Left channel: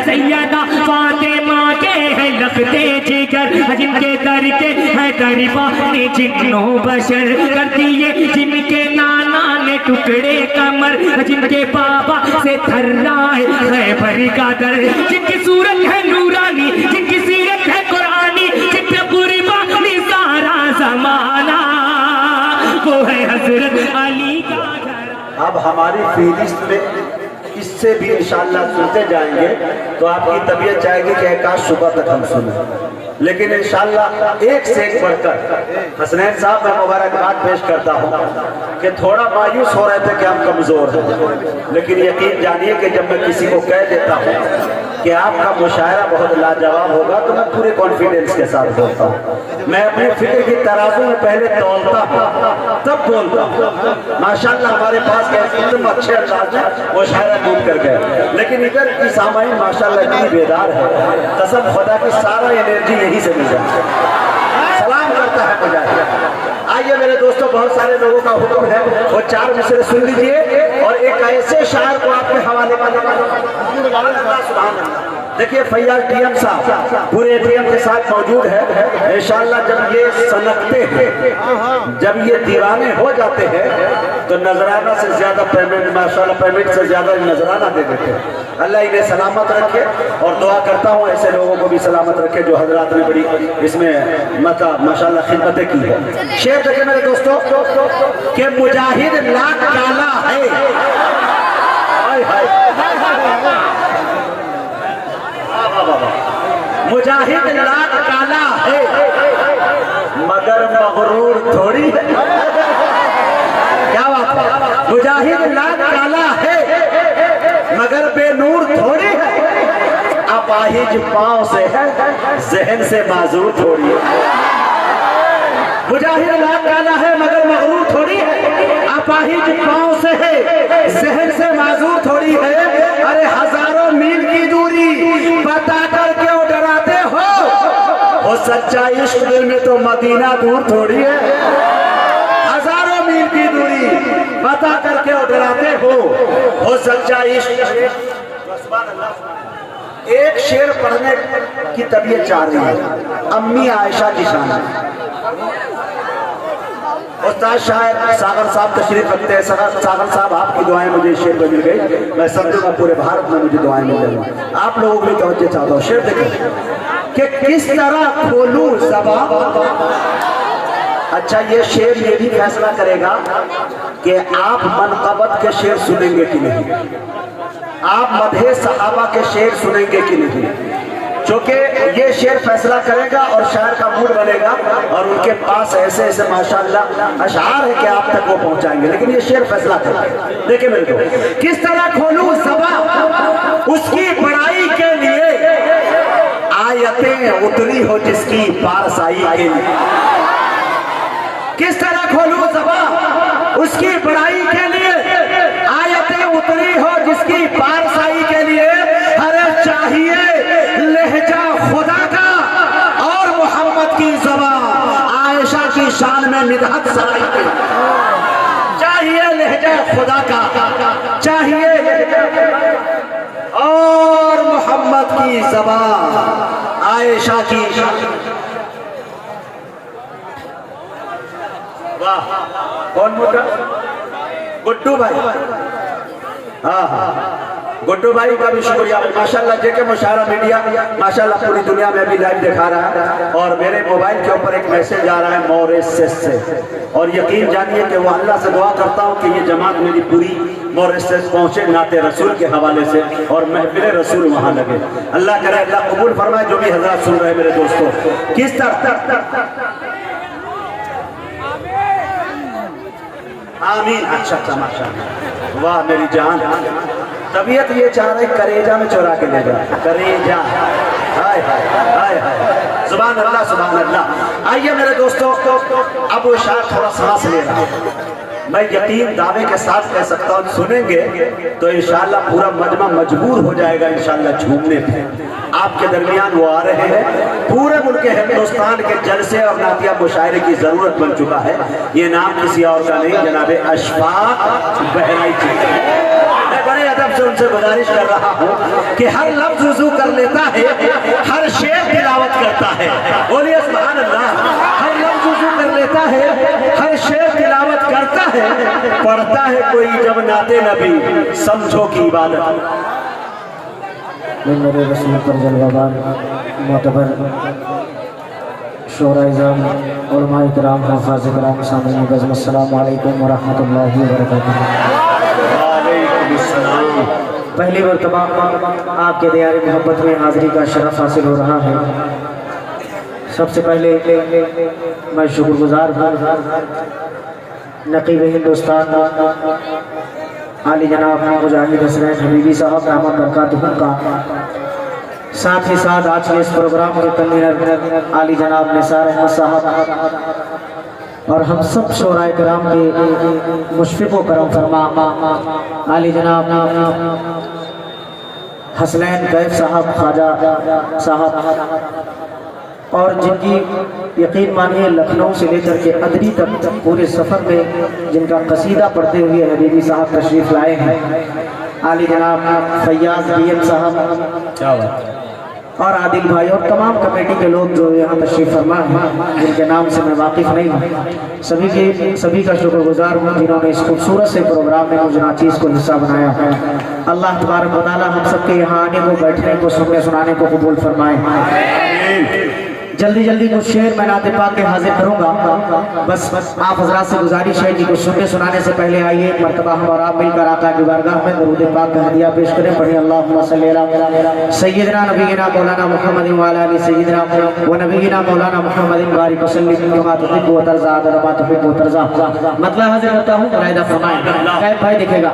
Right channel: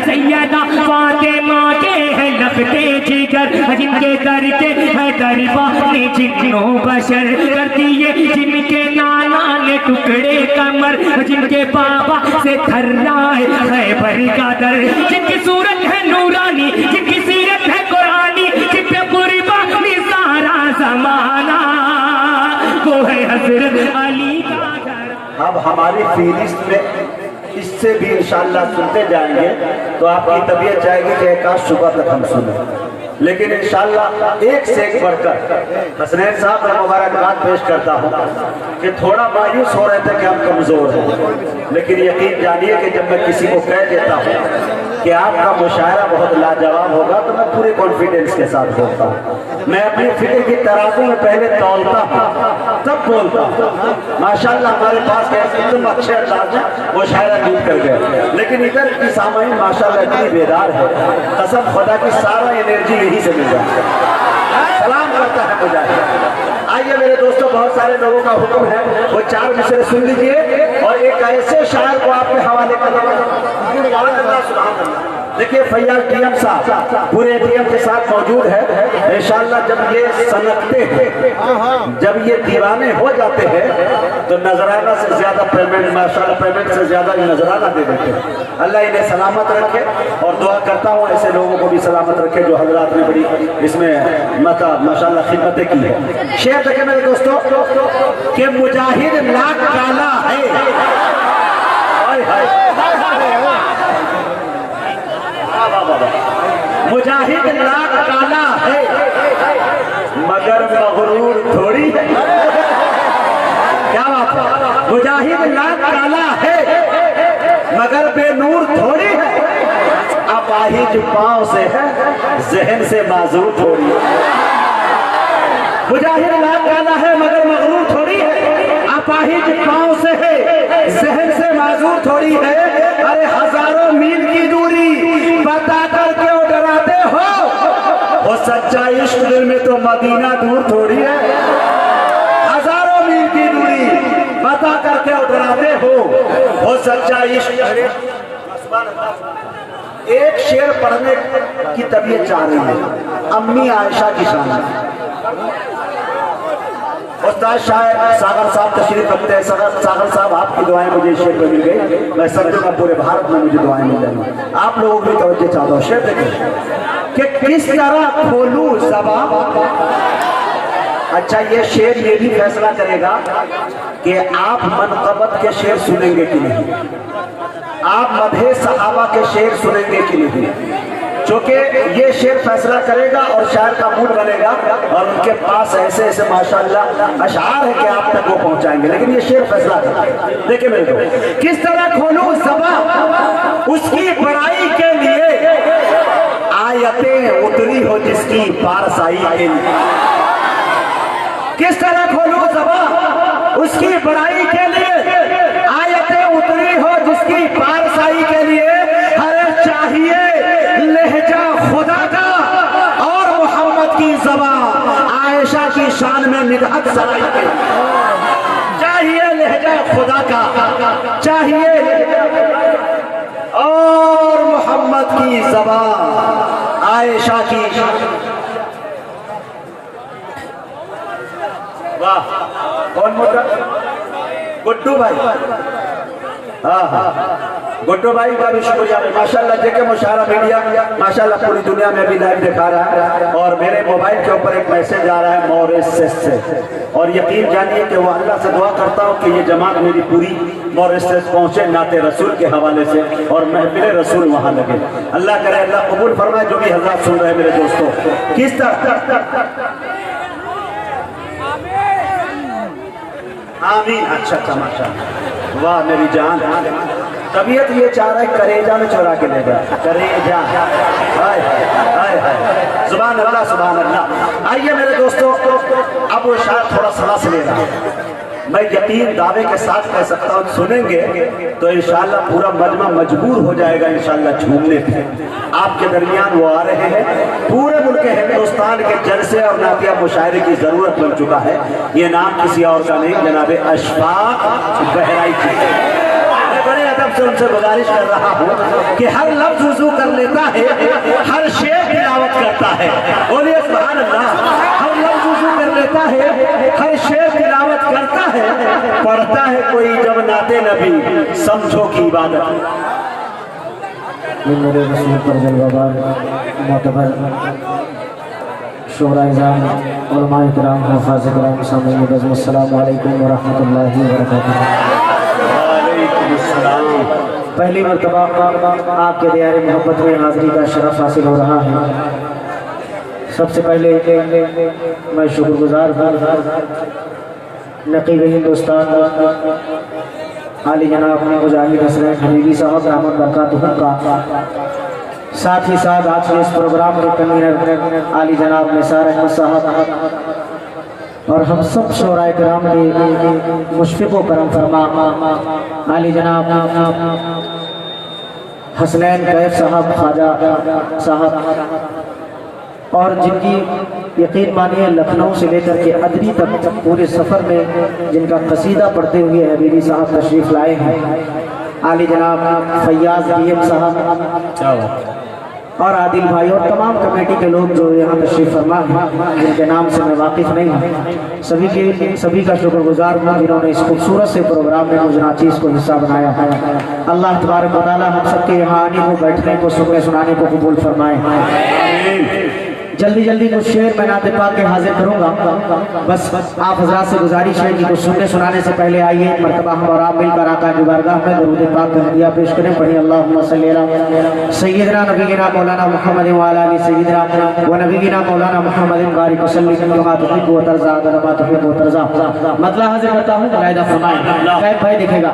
सैयदा फातिमा के है लगते जिगर, जिनके करके है दरबानी जिन्नो बशर कर दिए, जिनके नाना ने टुकड़े कमर, जिनके बाबा से थर्रा है खैबर का दर, जिनकी सूरत है नूरानी, जिनकी सीरत है कुरानी, जिनका कुर्बानी सारा जमाना, वो है हजरत अली का घर। अब हमारी फीलिस्ट में इससे भी इंशाअल्लाह सुनते जाएंगे तो आपकी तबीयत चाहेगी कि एक आज सुबह तक हम सुने, लेकिन इंशाअल्लाह एक से एक बढ़कर हसनैन साहब मैं मुबारकबाद पेश करता हूँ कि थोड़ा मायूस हो रहे थे कि हम कमजोर हैं, लेकिन यकीन जानिए कि जब मैं किसी को कह देता हूँ कि आपका मुशायरा बहुत लाजवाब होगा तो मैं पूरे कॉन्फिडेंस के साथ बोलता हूँ। मैं अपनी फिक्र की तराजू में पहले तौलता हूँ तब बोलता हूँ। माशाल्लाह हमारे पास एकदम अच्छे अंदाज में मुशायरा ढूंढ कर गए, लेकिन इधर की सामाइन माशाल्लाह इतनी बेदार है, कसम खुदा की सारा एनर्जी यही से मिल रहा है। सलाम करता है मुझे। आइए मेरे दोस्तों, बहुत सारे लोगों का हुक्म है वो 4 मिसरे सुन लीजिए और एक ऐसे शायर को आपके हवाले कर देना। देखिए फैयाज टीएम साहब पूरे टीएम के साथ मौजूद है। इंशाअल्लाह जब ये सनकते हैं, जब ये दीवाने हो जाते हैं तो नजराना से ज्यादा पेमेंट, माशाअल्लाह पेमेंट से ज्यादा नजराना दे देते हैं। अल्लाह इन्हें सलामत रखे और दुआ करता हूँ ऐसे लोगों को भी सलामत रखे जो हजरात ने बड़ी इसमें माशाअल्लाह खिदमतें की है। शेर देखे मेरे दोस्तों कि मुजाहिद लाख काला है, मुजाहिद लाख काला है मगर मगरूर थोड़ी है। क्या बात है? मुजाहिद लाख काला है मगर बेनूर थोड़ी है, अपाहिज पांव से है जहन से माजूर थोड़ी है। मुजाहिद लाख काला है मगर मगरूर थोड़ी है, अपाहिज पांव से है जहन से माजूर थोड़ी है। अरे हजारों मील की दूरी बताकर क्यों डराते हो, वो सच्चा इश्क में तो मदीना दूर थोड़ी है। हजारों मील की दूरी बताकर क्यों डराते हो, वो सच्चा इश्क। एक शेर पढ़ने की तबीयत चाह रही है, अम्मी आयशा की शान। उस्ताद शायर सागर साहब तशरीफ रखते हैं। सागर साहब आपकी दुआएं मुझे शेर पे मिल गई, मैं समझूंगा पूरे भारत में मुझे दुआएं मिल रही। आप लोगों की तवज्जो चाहता हूँ। शेर देखें कि किस तरह खोलूं ज़बान। अच्छा ये शेर ये भी फैसला करेगा कि आप मनक़बत के शेर सुनेंगे कि नहीं, आप मदहे सहाबा के शेर सुनेंगे कि नहीं, क्योंकि ये शेर फैसला करेगा और शायर का मूड बनेगा और उनके पास ऐसे ऐसे माशाअल्लाह अशआर है कि आप तक वो पहुंचाएंगे, लेकिन ये शेर फैसला करेगा। देखिए मेरे को किस तरह खोलूं ज़बान उसकी बड़ाई के लिए, आयतें उतरी हो जिसकी पारसाई के लिए। किस तरह खोलूं ज़बान उसकी बड़ाई के लिए, आयतें उतरी हो जिसकी पारसाई के लिए। हरे चाहिए लहजा खुदा का और मोहम्मद की ज़बान आयशा की शान में निगाह सराय के। चाहिए लहजा खुदा का, चाहिए और मोहम्मद की ज़बान आयशा की। वाह कौन बोल रहा? गुड्डू भाई। हाँ हाँ गुड्डू भाई का भी शुक्रिया माशाल्लाह। जेके मुशायरा मीडिया माशाल्लाह पूरी दुनिया में भी लाइव दिखा रहा है और मेरे मोबाइल के ऊपर एक मैसेज आ रहा है मॉरिशस से, और यकीन जानिए कि वो अल्लाह से दुआ करता हूँ कि ये जमात मेरी पूरी मॉरिशस पहुँचे नाते रसूल के हवाले से और महफिल रसूल वहाँ लगे। अल्लाह करे, अल्लाह कबूल फरमाए जो भी हजरात सुन रहे हैं मेरे दोस्तों। किस तरह आमीन। अच्छा माशाल्लाह, वाह मेरी जान। तबीयत ये चाह रहा है करेजा में चुरा के ले जाए, करेजा। हाय हाय हाय हाय, सुभान अल्लाह सुभान अल्लाह। आइए मेरे दोस्तों, अब वो शायद थोड़ा सांस ले रहा है। मैं यकीन दावे के साथ कह सकता हूँ सुनेंगे तो इंशाअल्लाह पूरा मजमा मजबूर हो जाएगा इंशाअल्लाह झूमने पे। आपके दरमियान वो आ रहे हैं। पूरे मुल्क हिंदुस्तान के जलसे और नातिया मुशायरे की जरूरत बन चुका है। ये नाम किसी और का नहीं, जनाब अशफाक बहराइच। बड़े अदब साहब से उनसे गुजारिश कर रहा हूँ कि हर लफ्ज वुजू कर लेता है, हर शेर तिलावत करता है, और ये सुभान अल्लाह, हर लफ्ज वुजू कर लेता है, हर शेर तिलावत करता है, पढ़ता है कोई जब नाते नबी, समझो की इबादत। मेरे रसूल कर जलवादार मोतबर शोराइज़ान उलमाए किराम हफ़ाज़ किराम सामईन बज़्म अस्सलामु अलैकुम व रहमतुल्लाहि व बरकातुहू। पहली मरतबा आपके दियार मोहब्बत में हाज़िरी का शरफ़ हासिल हो रहा है। सबसे पहले मैं शुक्रगुज़ार हूँ नक़ीब हिंदुस्तान आली जनाब मुजाहिद हसनैन हबीबी साहब रहमत बरकातुहू का, साथ ही साथ आज के इस प्रोग्राम के कन्वीनर आली जनाब निसार अहमद साहब और हम सब शोराए किराम के मुशफ़िक़ व करम फरमा आली जनाब हसनैन कैफ साहब ख्वाजा साहब, और जिनकी यकीन मानिए लखनऊ से लेकर के अदरी तक पूरे सफ़र में जिनका कसीदा पढ़ते हुए हबीबी साहब तशरीफ़ लाए हैं, आली जनाब फैयाज डीएम साहब और आदिल भाई और तमाम कमेटी के लोग जो यहाँ तशरीफ़ फरमा हैं, जिनके नाम से मैं वाकिफ़ नहीं हूँ, सभी का शुक्रगुजार हूँ जिन्होंने इस खूबसूरत से प्रोग्राम में मुझे नाचीज़ को हिस्सा बनाया है। अल्लाह तबारक व तआला हम सबके यहाँ आने को, बैठने को, सुनने सुनाने को कबूल फरमाए। जल्दी जल्दी कुछ शेर मैं नाते पाक के हाजिर करूँगा। बस आप हजरात से गुजारिश है कि कुछ सुनने सुनाने से पहले आइए मरतबा हम और आप मिलकर आका की बारगाह में दरूद पाक का हदिया पेश करें। पढ़िए अल्लाहुम्मा सल्ली अला सय्यिदना नबीना मौलाना मुहम्मद व अला आलि सय्यिदना व नबीना मौलाना मुहम्मद बारिक वसल्लम कमा तुहिब्बु व तर्ज़ा व तुहिब्बु व तर्ज़ा। मतलब हाजिर करता हूँ, मुलाहिदा फरमाएं। कैफ भाई दिखेगा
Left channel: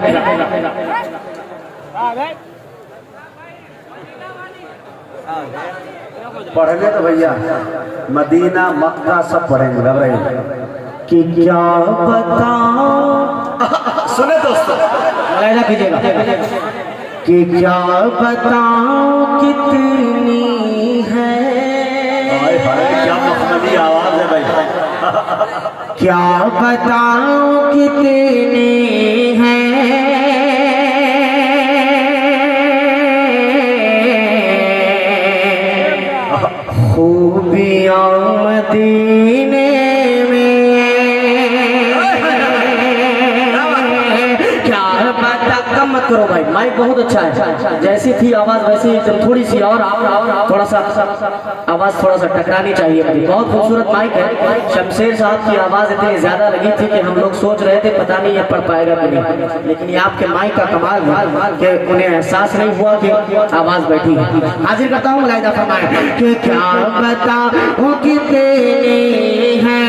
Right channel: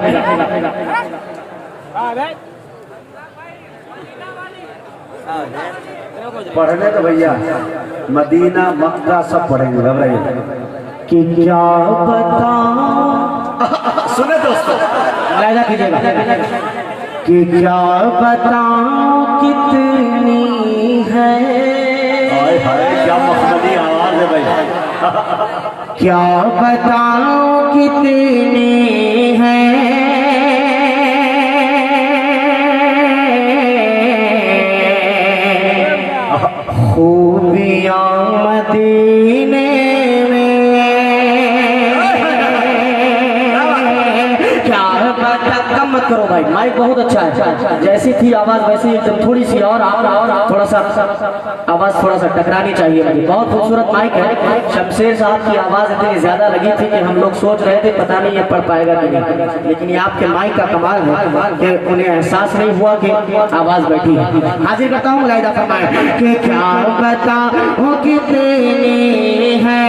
पढ़ने तो भैया मदीना मक्का सब पढ़ेंगे घबराइए कि क्या बताऊं, सुने दोस्तों मुलाहिदा कीजिएगा कि क्या बताऊं कितनी है, क्या मखमली आवाज है भाई, क्या बताऊं कितनी है खूबियां मदीने में, क्या बता। कम मत करो भाई, माइक बहुत अच्छा है, जैसी थी आवाज वैसी थोड़ी सी और थोड़ा सा आवाज थोड़ा सा टकरानी चाहिए लगी। बहुत खूबसूरत माइक है। शमशेर साहब की आवाज इतनी ज्यादा लगी थी कि हम लोग सोच रहे थे पता नहीं ये पढ़ पाएगा कि नहीं, लेकिन ये आपके माइक का कमाल है कि उन्हें एहसास नहीं हुआ कि आवाज बैठी है। हाजिर करता हूँ मुलाहिदा फरमाएं कि क्या बताऊं कितनी है,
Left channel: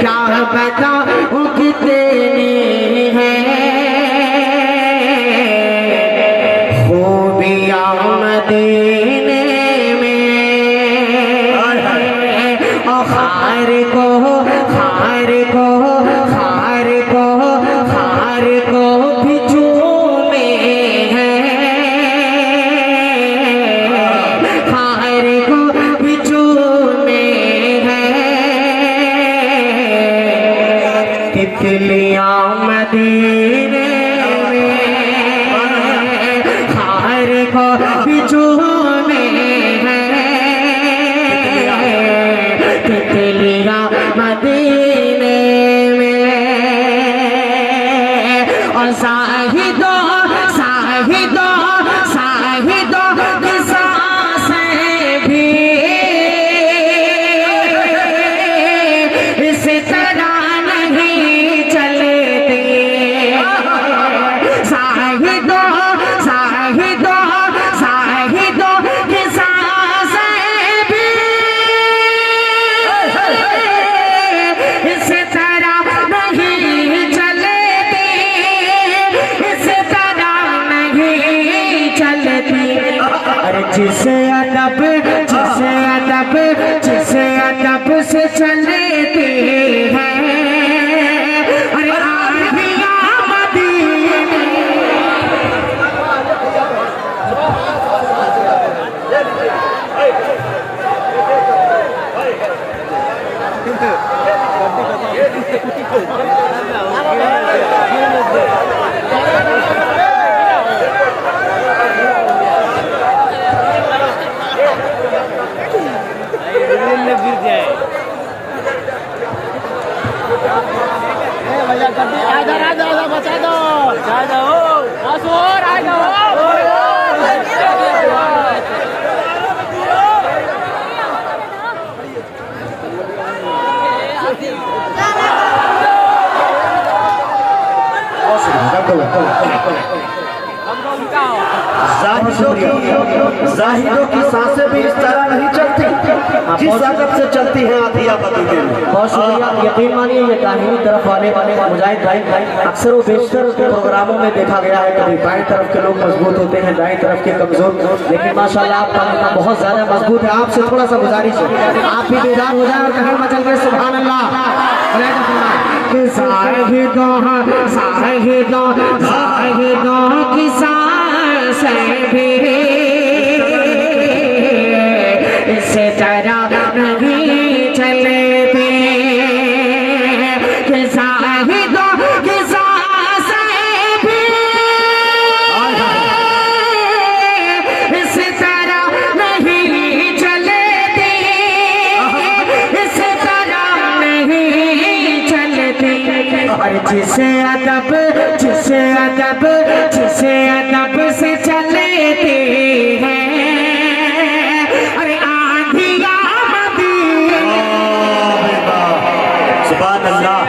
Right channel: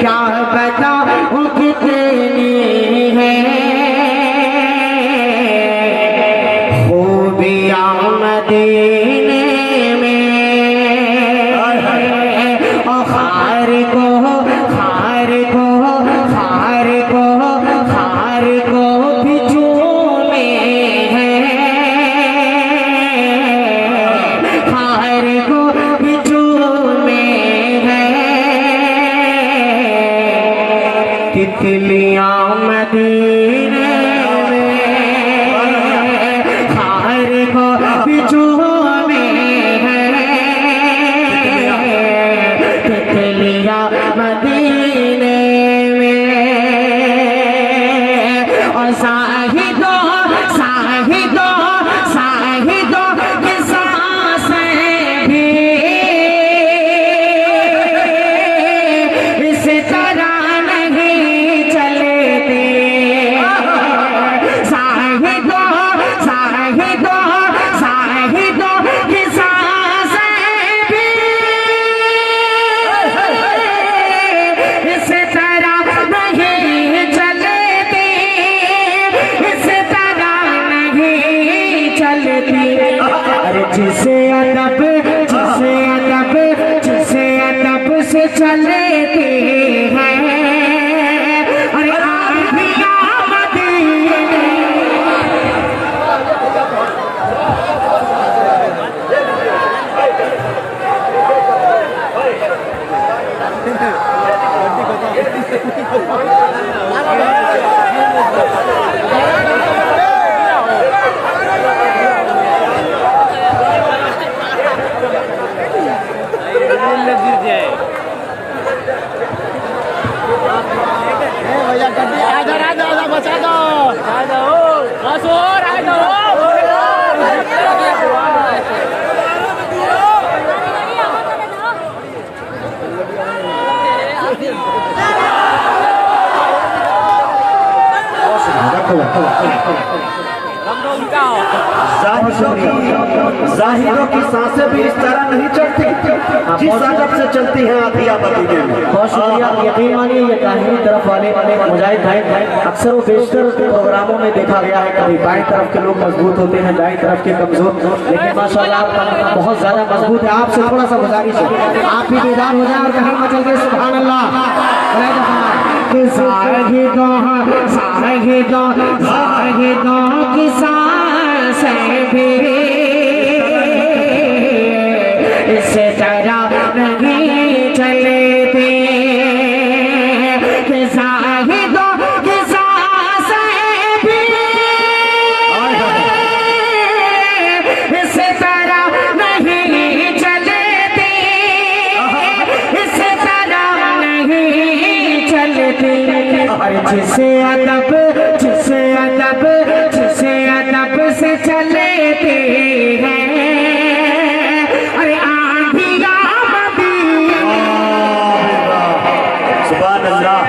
क्या बताऊं कितनी है खूबियां मदीने में, और खार को बिजू में है, खार को बिजू में है, तितलियां मदीने में, खार को बिजू में है, तितलियां मदीने में, और साहिदों की सांसें भी इस तरह नहीं चलती, साहिदों की सांसें भी इस तरह नहीं चलती, इस तरह नहीं चलती। अरे जिसे अदब से चलती है, अरे आँधियाँ मदीने, राजा बचा दो बस और आएगा जाहिदों की सांसें भी इस तरह नहीं चलती जिस आदत से चलती है आधिया मदीने में। बहुत शुक्रिया। यकीन मानिए ये दाहिनी तरफ वाले मुजाहिद भाई अक्सर व बेशतर प्रोग्रामों में देखा गया है कभी बाएं तरफ के लोग मजबूत होते हैं, दाएं तरफ के कमजोर, लेकिन माशाल्लाह आप बहुत ज्यादा मजबूत है। आपसे थोड़ा सा गुजारिश है आप भी बेदार हो जाए और कहीं मचल के सुभान अल्लाह। इस तरह नहीं चलते कि ज़ाहिदों की सांसें भी इस तरह नहीं चलती, इस तरह नहीं चलती। और जिसे अदब से चलते हैं अरे आंधिया सुभान अल्लाह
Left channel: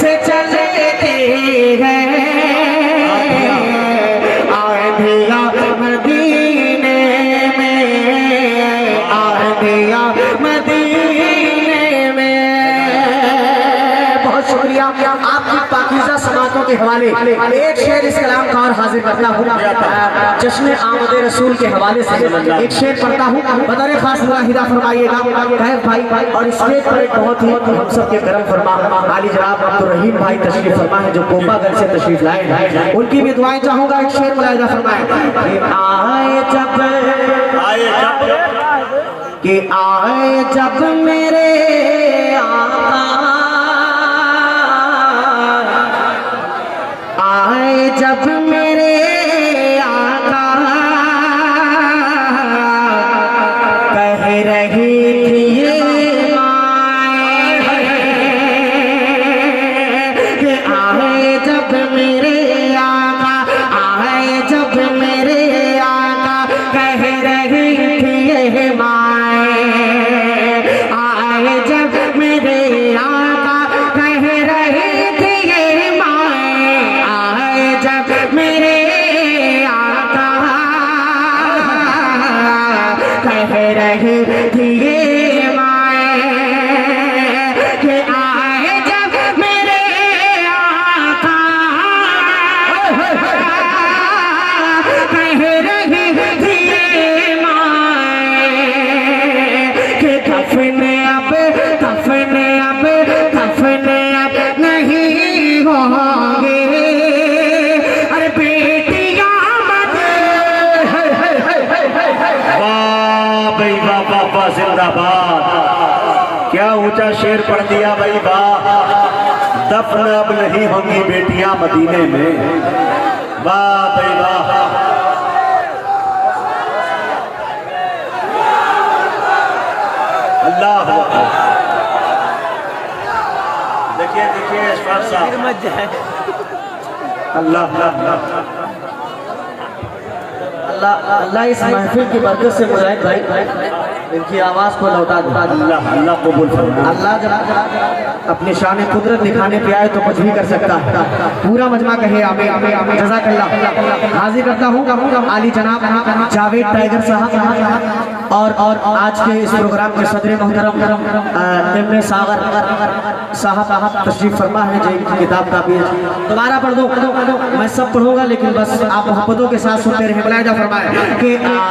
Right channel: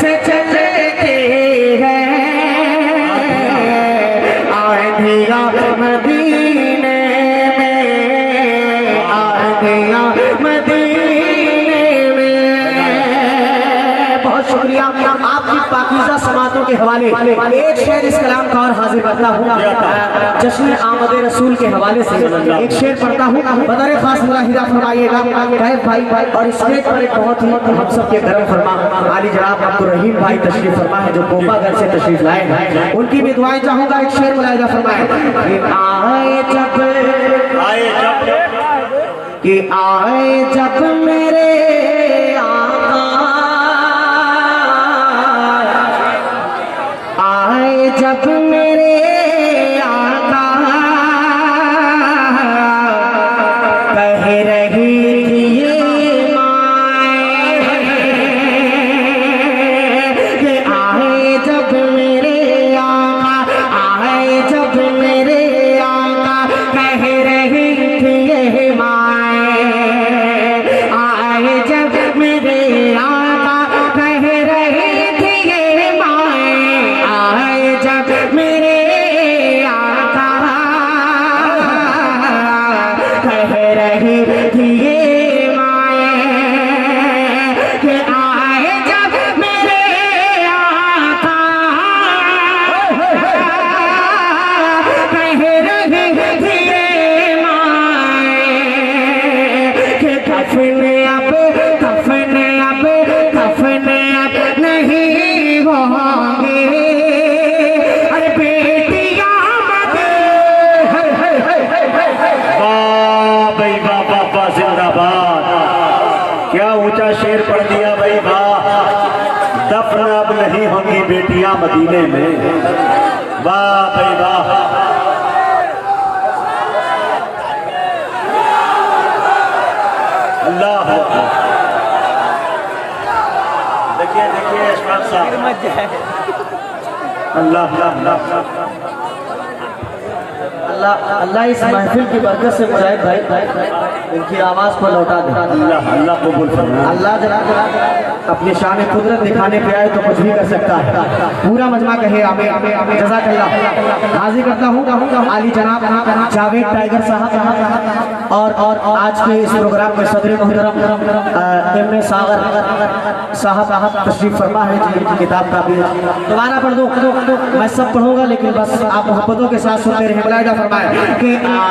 से चलते हैं आंधिया मदीने में, आंधिया मदीने में। बहुत शुक्रिया आपकी पाकीज़ा समातों के हवाले एक शेर इस कलाम का और हाजिर करता हूँ जश्न आमद रसूल के हवाले से एक शेर पढ़ता हूँ। बदर खास मुलाहिदा फरमाइएगा भाई। और इस शेर पर एक बहुत ही हम सबके करम फरमा आली जनाब अब्दुल रहीम भाई तशरीफ फरमा है जो कोपागढ़ से तशरीफ लाए हैं, उनकी भी दुआएं चाहूंगा। एक शेर मुलाहिदा फरमाए कि आए जब मेरे जब मेरे आका कह रही थी ये आए जब मेरे आका, आए जब मेरे आका कह रही थी ये माए, आए जब मेरे आका कह रही थी ये माए, आए जब मेरे आका कह रही थी ये माए कि आए जब मेरे आका कह रही थी ये माए कि दफन अब नहीं होंगे अरे बेटियां वाह जिंदाबाद। क्या ऊंचा शेर पढ़ दिया भाई वाह। दफन अब नहीं होगी बेटियां मदीने में। वाह भाई वाह। अल्लाह देखिए अशफाक साहब अल्लाह अल्लाह इस महफिल की बरकत से मुजाहिद भाई इनकी आवाज को लौटा दे। अल्लाह कबूल फरमाए। अल्लाह जनाब अपने शान कुदरत दिखाने पे आए तो कुछ भी कर सकता है। पूरा मजमा कहे आमे आमे आमे जज़ाकल्लाह। हाजिर करता हूँ आली जनाब जावेद टाइगर साहब और आज के इस प्रोग्राम के सदर मोहतरम एम सागर साहब तशरीफ फरमा है जी किताब का भी दोबारा पढ़ दो। मैं सब पढ़ूंगा लेकिन बस आप मोहब्बतों के साथ सुनते रहे। मुलाहिदा फरमाए कि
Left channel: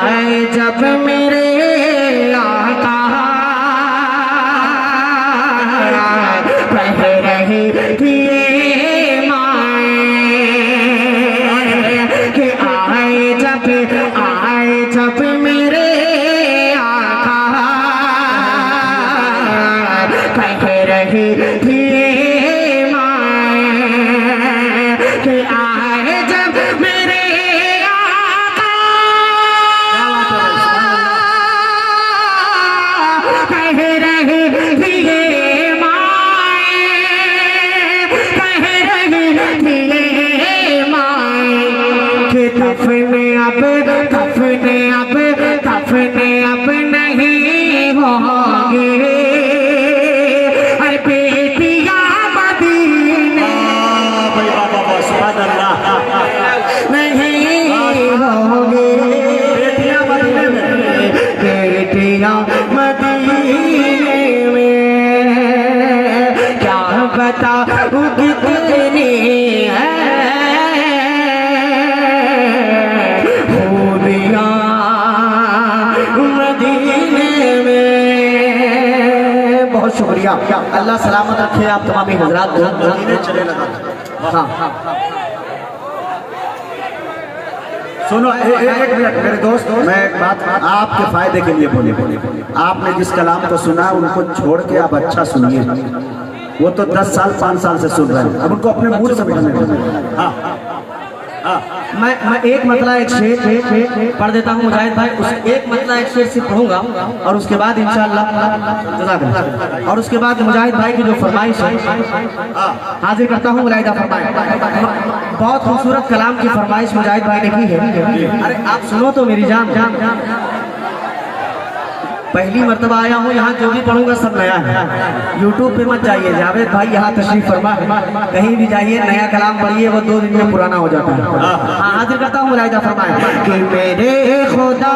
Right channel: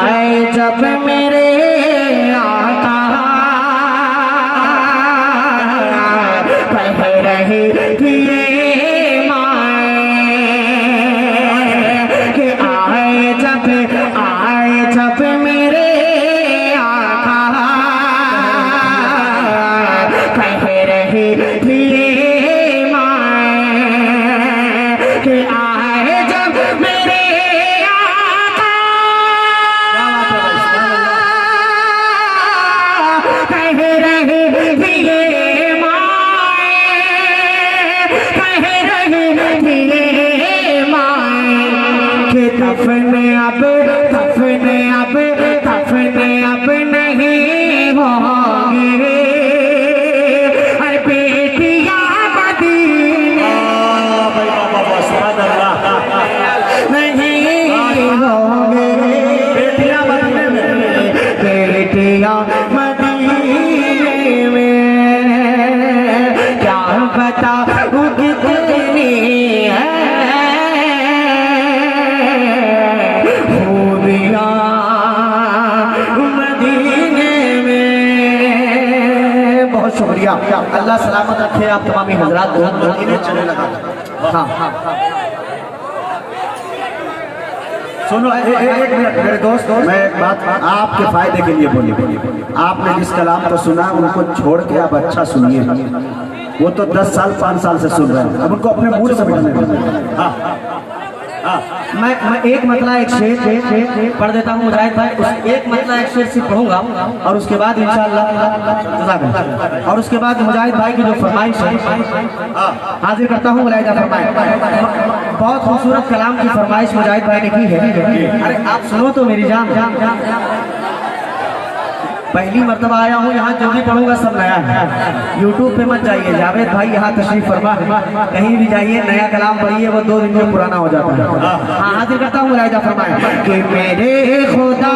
आए जब मेरे आका कह रही थी ये माए कि आए जब मेरे आका कह रही थी ये माए कि आए जब मेरे कह रही थी ये माए, कह रही दफने अब नहीं होंगे, अरे बेटियां मदीने नहीं होंगे, बेटियां मदीने में क्या बताऊं कितनी है खूबियां मदीने में। बहुत शुक्रिया, अल्लाह सलामत रखे आप तमामी हजरात को। हाँ सुनो एक मिनट मेरे दोस्त, मैं एक बात आपके फायदे के लिए बोली। आपने जिस कलाम को सुना उनको छोड़ के आप अच्छा सुनिए। वो तो 10 साल 5 साल से सुन रहे हैं, अब उनको अपने मूड समझने दीजिए। हाँ मैं एक मतला एक शेर पढ़ देता हूँ मुजाहिद भाई, उस एक मतला एक शेर से पढ़ूंगा और उसके बाद इंशाअल्लाह और उसके बाद मुजाहिद भाई की जो फरमाइश है हाजिर करता हूँ। मुलाहिदा फरमाए, बहुत खूबसूरत कलाम की फरमाइश मुजाहिद भाई ने की है। अरे आप सुनो तो मेरी जान, पहली मर्तबा आया हूँ यहाँ, जो भी पढ़ूंगा सब नया है। यूट्यूब पे मत जाइए, जावेद भाई यहाँ तशरीफ फरमा, कहीं भी जाइए नया कलाम पढ़िए, वो 2 दिन में पुराना हो जाता है। हाँ हाजिर करता हूँ मुलाहिदा फरमाए कि मेरे खुदा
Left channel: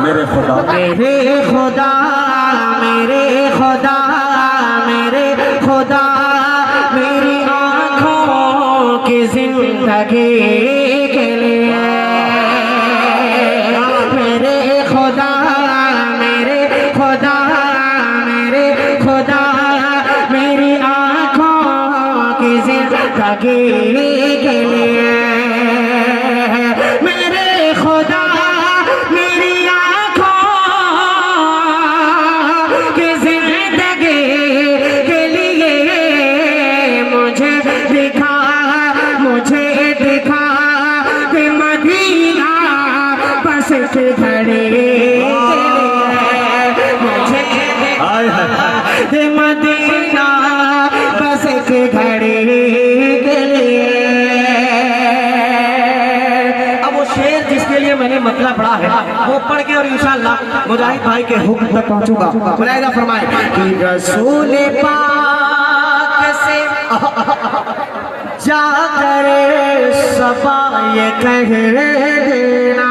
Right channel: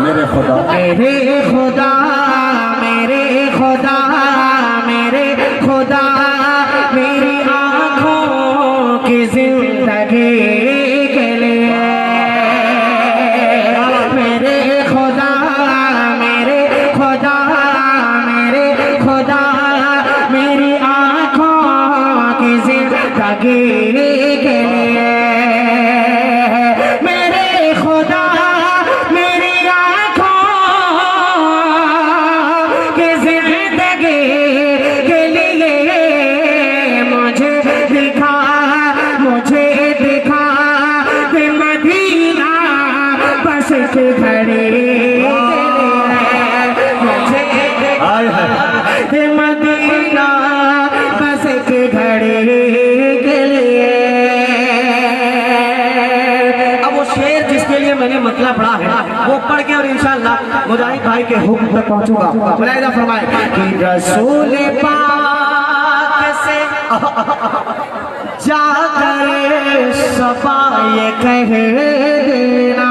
मेरे खुदा मेरी आँखों की जिंदगी के लिए, मेरे खुदा मेरी आँखों की जिंदगी के लिए, मेरे खुदा मेरी आँखों की जिंदगी के लिए मुझे दिखा कि मदीना बस के घड़ी, मुझे कि मदीना बस के घड़ी के लिए। अब वो शेर जिसके लिए मैंने मतलब पढ़ा है वो पढ़ के और इंशाअल्लाह मुजाहिद भाई के हुक्म तक पहुंचूंगा। मुलाहिदा फरमाए कि रसूल पाक से जाकर सबा ये कह देना,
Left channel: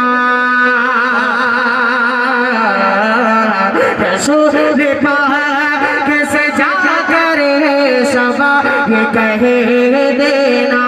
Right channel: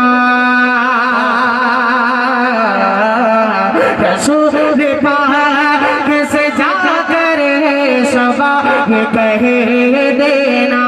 रसूल पाक से जाकर सबा ये कह देना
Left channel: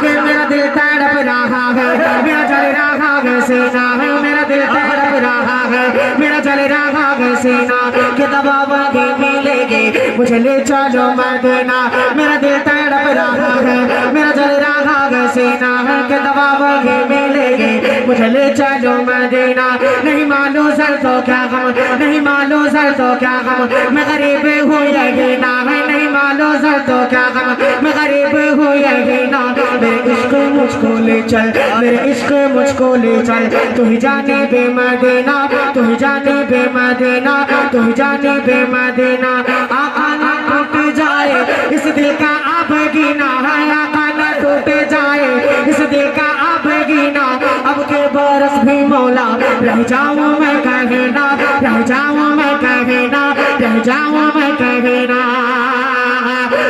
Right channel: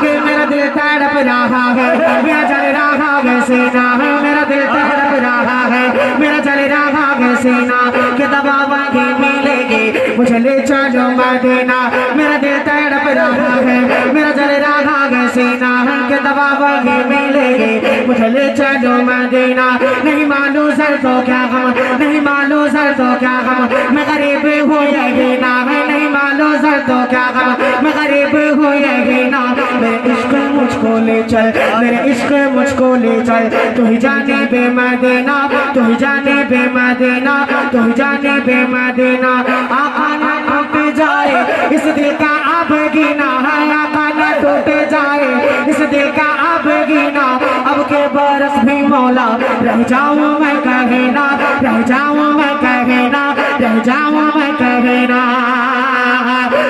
कि मेरा दिल तड़प रहा है, मेरा जल रहा है सीना, मेरा दिल तड़प रहा है, मेरा जल रहा है सीना, कि दबावांगे मिलेगी मुझे ले चलो मदीना, मेरा दिल तड़प रहा है, मेरा जल रहा है सीना, कि दबावांगे मिलेगी मुझे ले चलो मदीना। नहीं मालूम सर तो क्या हम, नहीं मालूम सर तो क्या हम, मैं गरीब हूँ यही ना है, नहीं मालूम सर तो क्या हम, मैं गरीब हूँ यही ना। मेरे इश्क मुझको ले चल, मेरे इश्क मुझको ले चल, तू ही जाने बे मदीना, तू ही जाने बे मदीना, तू ही जाने बे मदीना। आँखों न टूट जाए इस दिल का अब गिना है, आँखों न टूट जाए इस दिल का अब गिना, अब के बरस भी मौला रह जाऊं मैं कभी ना, रह जाऊं मैं कभी ना, रह जाऊं मैं कभी ना।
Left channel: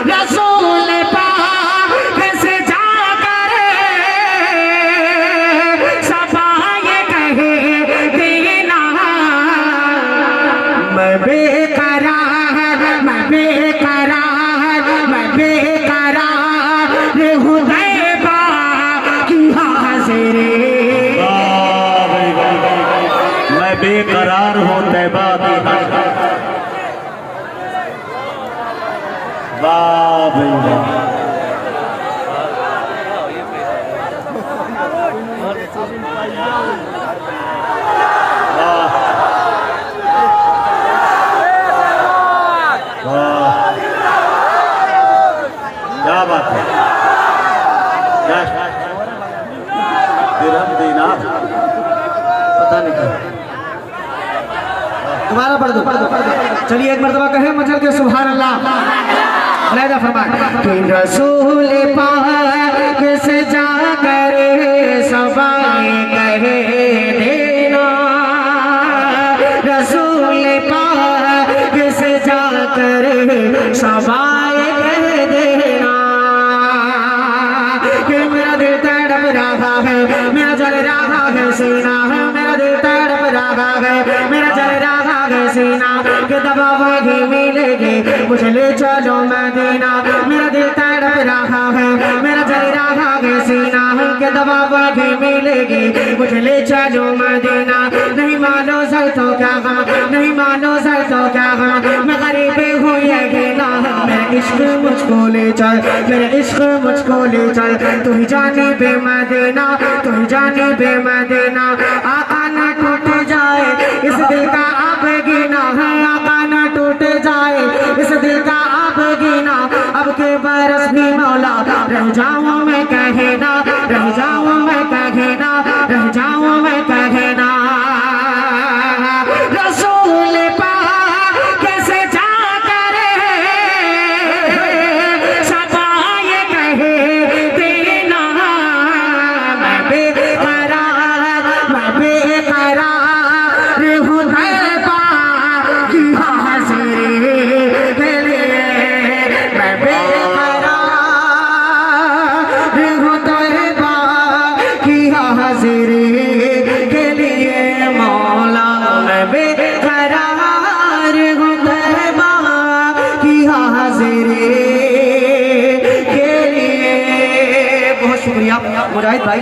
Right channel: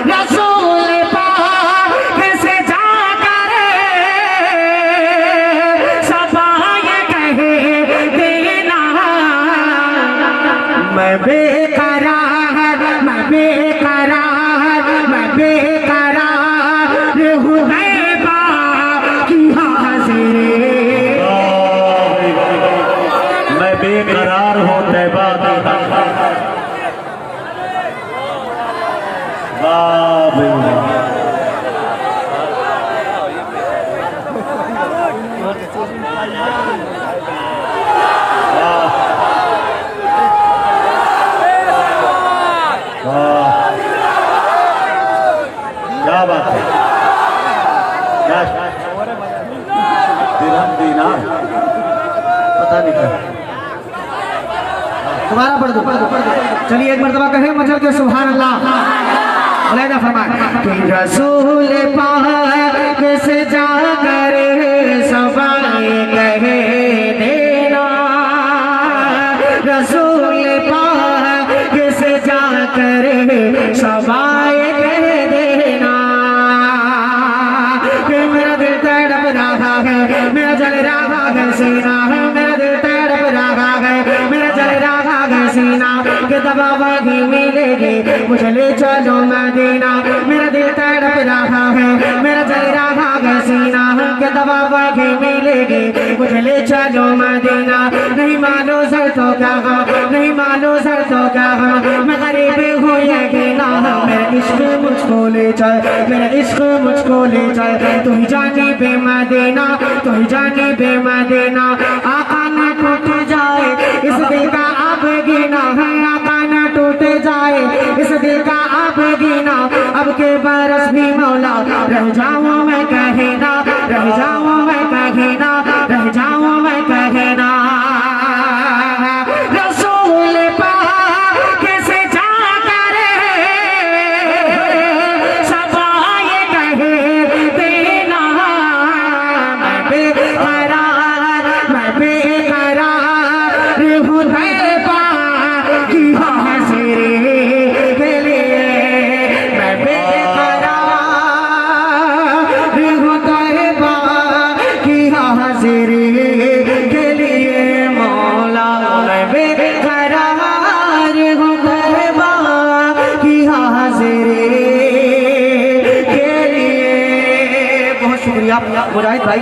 रसूल पाक से जाकर सबा ये कह देना, मैं बेकरार हूँ ग़ैबा की हाज़िरी, मैं बेकरार हूँ तैबा की। क्या बात है, दिरहम दीनार पता नहीं क्या दोबारा पढ़ दो। चलिए एक मरतबा कहे मचल के सुभान अल्लाह। अलैदा फरमाए कि रसूल पाक से जाकर सबाए कहे देना, रसूल पाक से जाकर सबाए कहे देना कि मेरा दिल तड़प रहा है, मेरा जल रहा है सीना, मेरा दिल तड़प रहा है, मेरा जल रहा है सीना कि दबावागी मिलेगी मुझे ले चलो मदीना, मेरा दिल तड़प रहा है, मेरा जल रहा है सीना कि दबावागी मिलेगी मुझे ले चलो मदीना। नहीं मानो सर तो क्या गम, नहीं मानो सर तो क्या गम, मैं गरीब हूँ यकीना, मेरा इश्क मुझको ले चल, मेरा इश्क मुझको ले चल, तू ही जाने बे मदीना, तू ही जाने बे मदीना। आका न टूट जाए इस दिल का आप गिना है, आका न टूट जाए इस दिल का आप गिना, अब के बरस भी मौला रह जाऊं मैं कहना, रह जाऊं मैं कहना, रह जाऊं मैं कहना। रसूल पाक से जाकर सबाए कहे देना, मैं बेकरार हूँ तैबा की हाज़िरी के लिए, मैं बेकरार हूँ तैबा की हाज़िरी के लिए मौला, मैं बेकरार हूँ तैबा की हाज़िरी के लिए। बहुत शुक्रिया मुराद भाई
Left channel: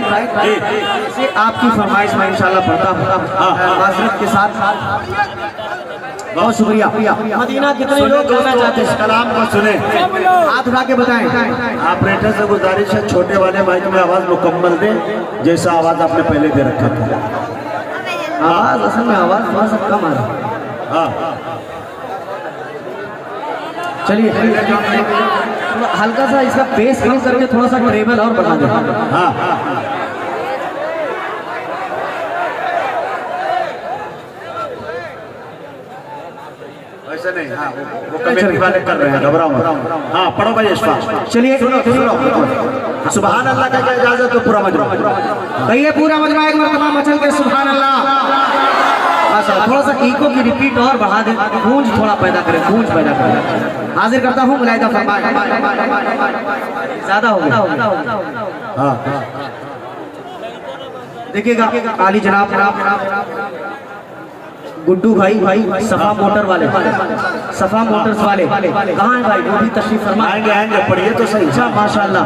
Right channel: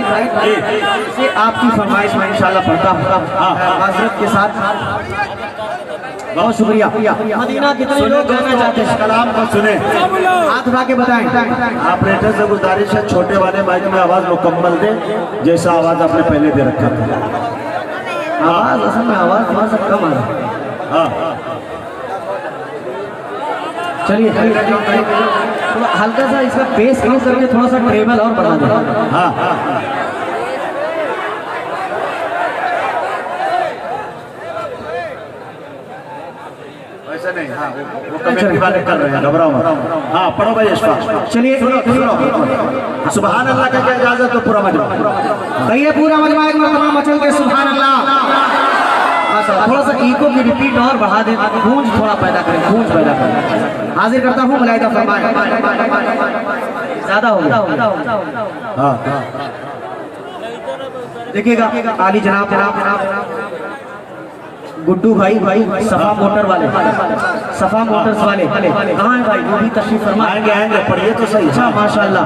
से आपकी फरमाइश में इंशाल्लाह पढ़ता हूँ हजरत के साथ। बहुत शुक्रिया। मदीना कितने लोग जाना चाहते हैं? कलाम को सुने, हाथ उठा के बताएं। ऑपरेटर से गुजारिश है छोटे वाले माइक में आवाज मुकम्मल दे जैसा आवाज आपने पहले दे रखा था। आवाज असल में आवाज थोड़ा सा कम आ रहा है। हाँ चलिए थोड़ा हल्का सा इसका बेस कम करके थोड़ा सा ट्रेबल और बढ़ा दो। हाँ वैसे नहीं, हाँ, वो कमेटी वाले कर रहे हैं, घबराओ मत। हाँ पढ़ो भाई इशफाक। चलिए सुभान अल्लाह का इजाजत तो पूरा मजमा कहिए पूरा मजमा एक मरतबा मचल के सुभान अल्लाह। थोड़ा सा इको की रिपीट और बढ़ा दे, गूंज थोड़ा पैदा करें, गूंज पैदा करें। हाजिर करता हूँ मुलाहिदा फरमाए, ज्यादा हो गया। हाँ देखिएगा आली जनाब गुड्डू भाई सफा मोटर वाले, सफा मोटर्स वाले कहाँ है भाई? वो भी तशरीफ फरमा। आएंगे आएंगे, पढ़िए तो सही। अच्छा माशाल्लाह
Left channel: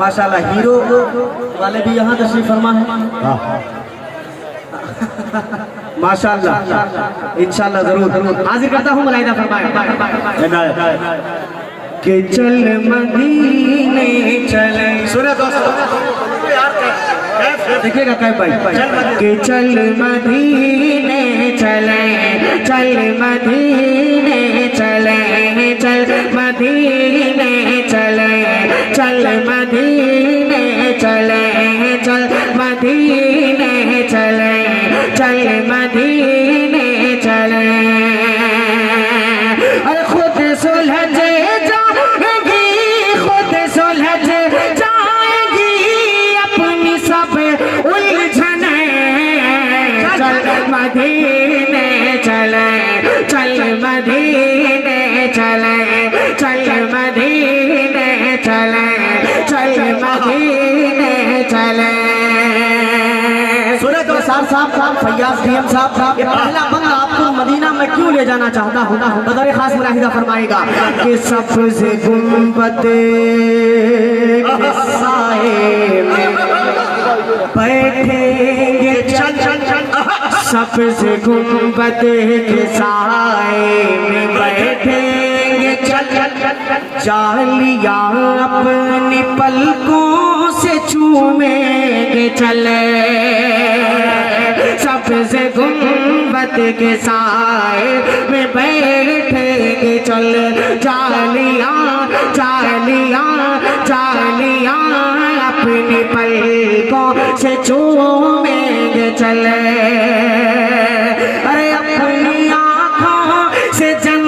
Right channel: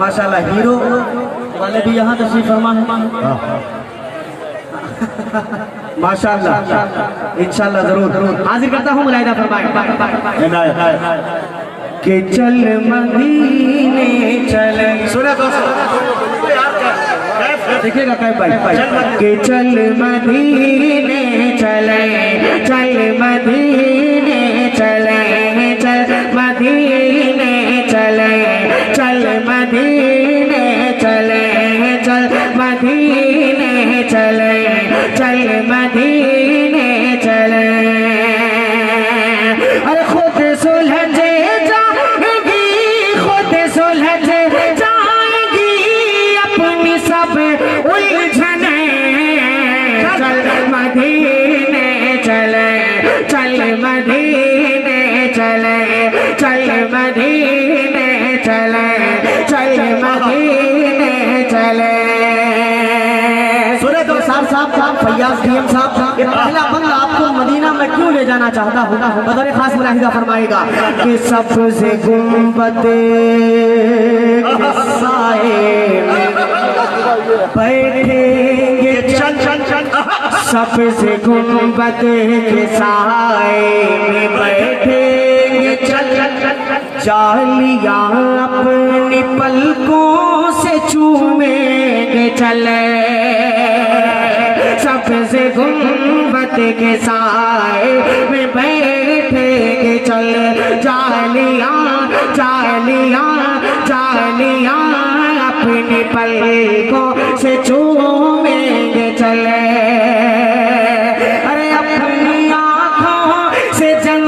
माशाल्लाह, हीरो वाले भी यहाँ तशरीफ फरमा है माशाल्लाह। इंशाल्लाह जरूर हाजिर करता हूँ मुलाहिदा फरमाए कि चल मदीने चले। सुने तो देखिएगा क्या भाई कि चल मदीने चले, चल मदीने चले, चल मदीने चले, चल मदीने चले, चल मदीने चले, चल मदीने चले। अरे खुद सुलझ जाएगी, खुद सुलझ जाएगी अपनी सब उलझने। चल मदीने चले, चल मदीने चले, चल मदीने चले, चल मदीने चले। सुने तो साहब फैयाज डीएम साहब, ये पहला बंदा आपको मदीना में क्यों ले जाना चाहता हूँ? बदर खास मुलाहिदा फरमाएगा कि सबसे गुंबद के साए में बैठेंगे, सबसे गुंबद के साए में बैठेंगे, जालियां अपनी पलकों से चूमेंगे चले। सबसे गुंबद के साए में बैठेंगे चल, जालियां जालियां जालियां अपनी पलकों से चूमेंगे चले। अरे अपनी आँखों से जन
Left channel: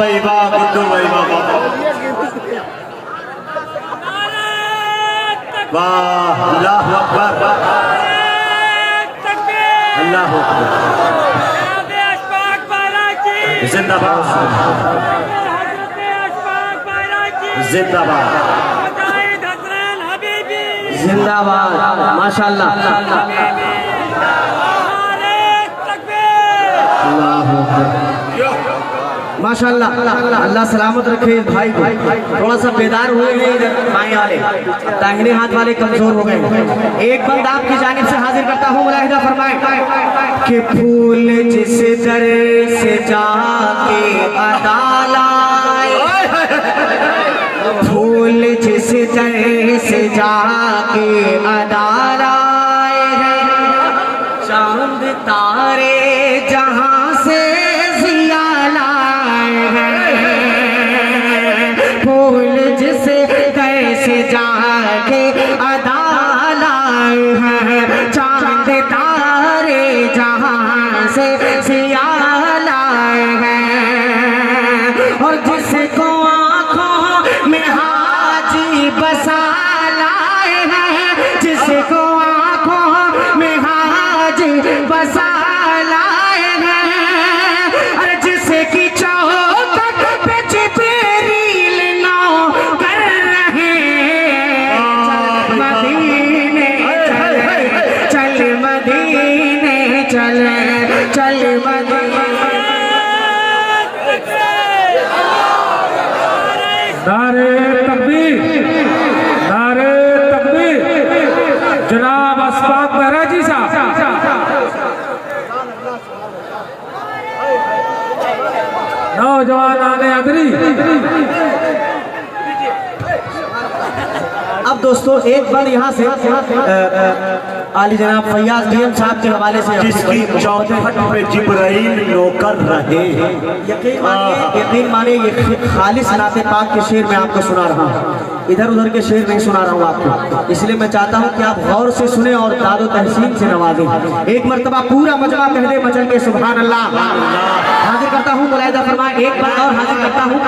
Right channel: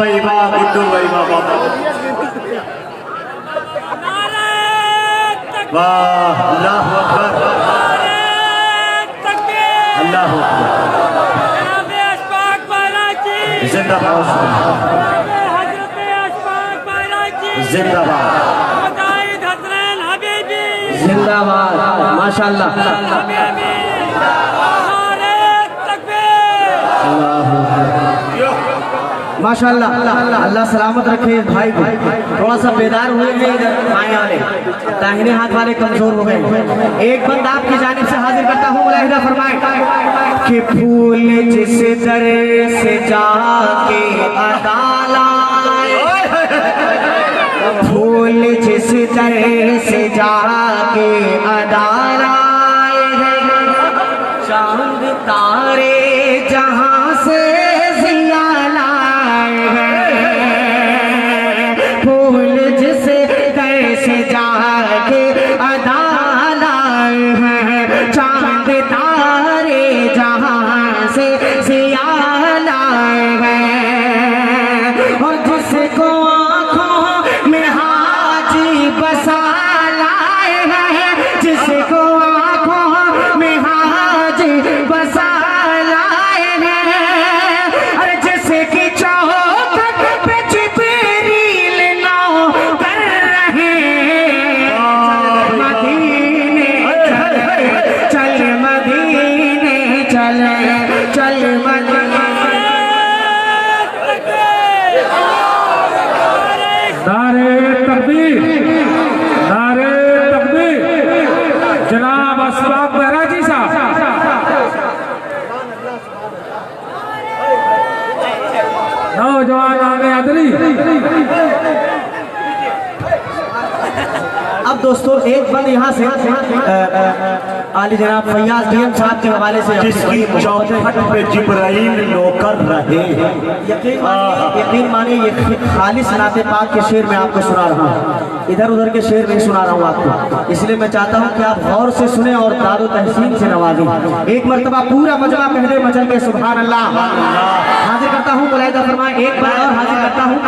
भाई वाह, बिट्टू भाई वाह वाह वाह, अल्लाह अकबर, अल्लाह अकबर, जिंदाबाद जिंदाबाद जिंदाबाद, माशाल्लाह। माशाल्लाह, अल्लाह सलामत रखे भाई को। थोड़ा सा बेदार हुए हैं बाएं वाले, दाहिने हाथ वाले कमजोर हो गए। एक बंद आपकी जानिब से हाजिर करता हूँ, मुलाहिदा फरमाए कि फूल जिस दर से जाके अदाला, फूल जिस दर से जाके अदाला है, चांद तारे जहां से जिया लाए हैं, फूल जिस दर से जाके अदाला है, चांद तारे जहां से जिया लाए हैं, और जिसको में हाजी बसा लाए हैं, जिसको आंखों में हाजी बसा लाए हैं, अरे जिसकी चौक पे जिब्रील नौ कर रहे हैं, मदीने चल मदीने चल चल मदीने। नारे तकबीर, नारे तकबीर। जनाब असबाब महराजी साहब। नौजवान आने अदरी। अब दोस्तों एक बार यहाँ से आली जनाब फैयाज भैया साहब के हवाले से जिसकी चौखट पे जिब्राइल नौकर रहे। यकीन मानिए ये खालिस नाते पाक के शेर में आपको सुना रहा हूँ, इधर उधर के शेर नहीं सुना रहा हूँ आपको, इसलिए मैं चाहता हूँ कि आप गौर से सुने और दारो तहसीन से नवाजें। एक मर्तबा पूरा मजमा कहले मचल के सुभान अल्लाह। हाजिर करता हूँ, मुलाहिदा फरमाए, एक बार और हाजिर करता हूँ।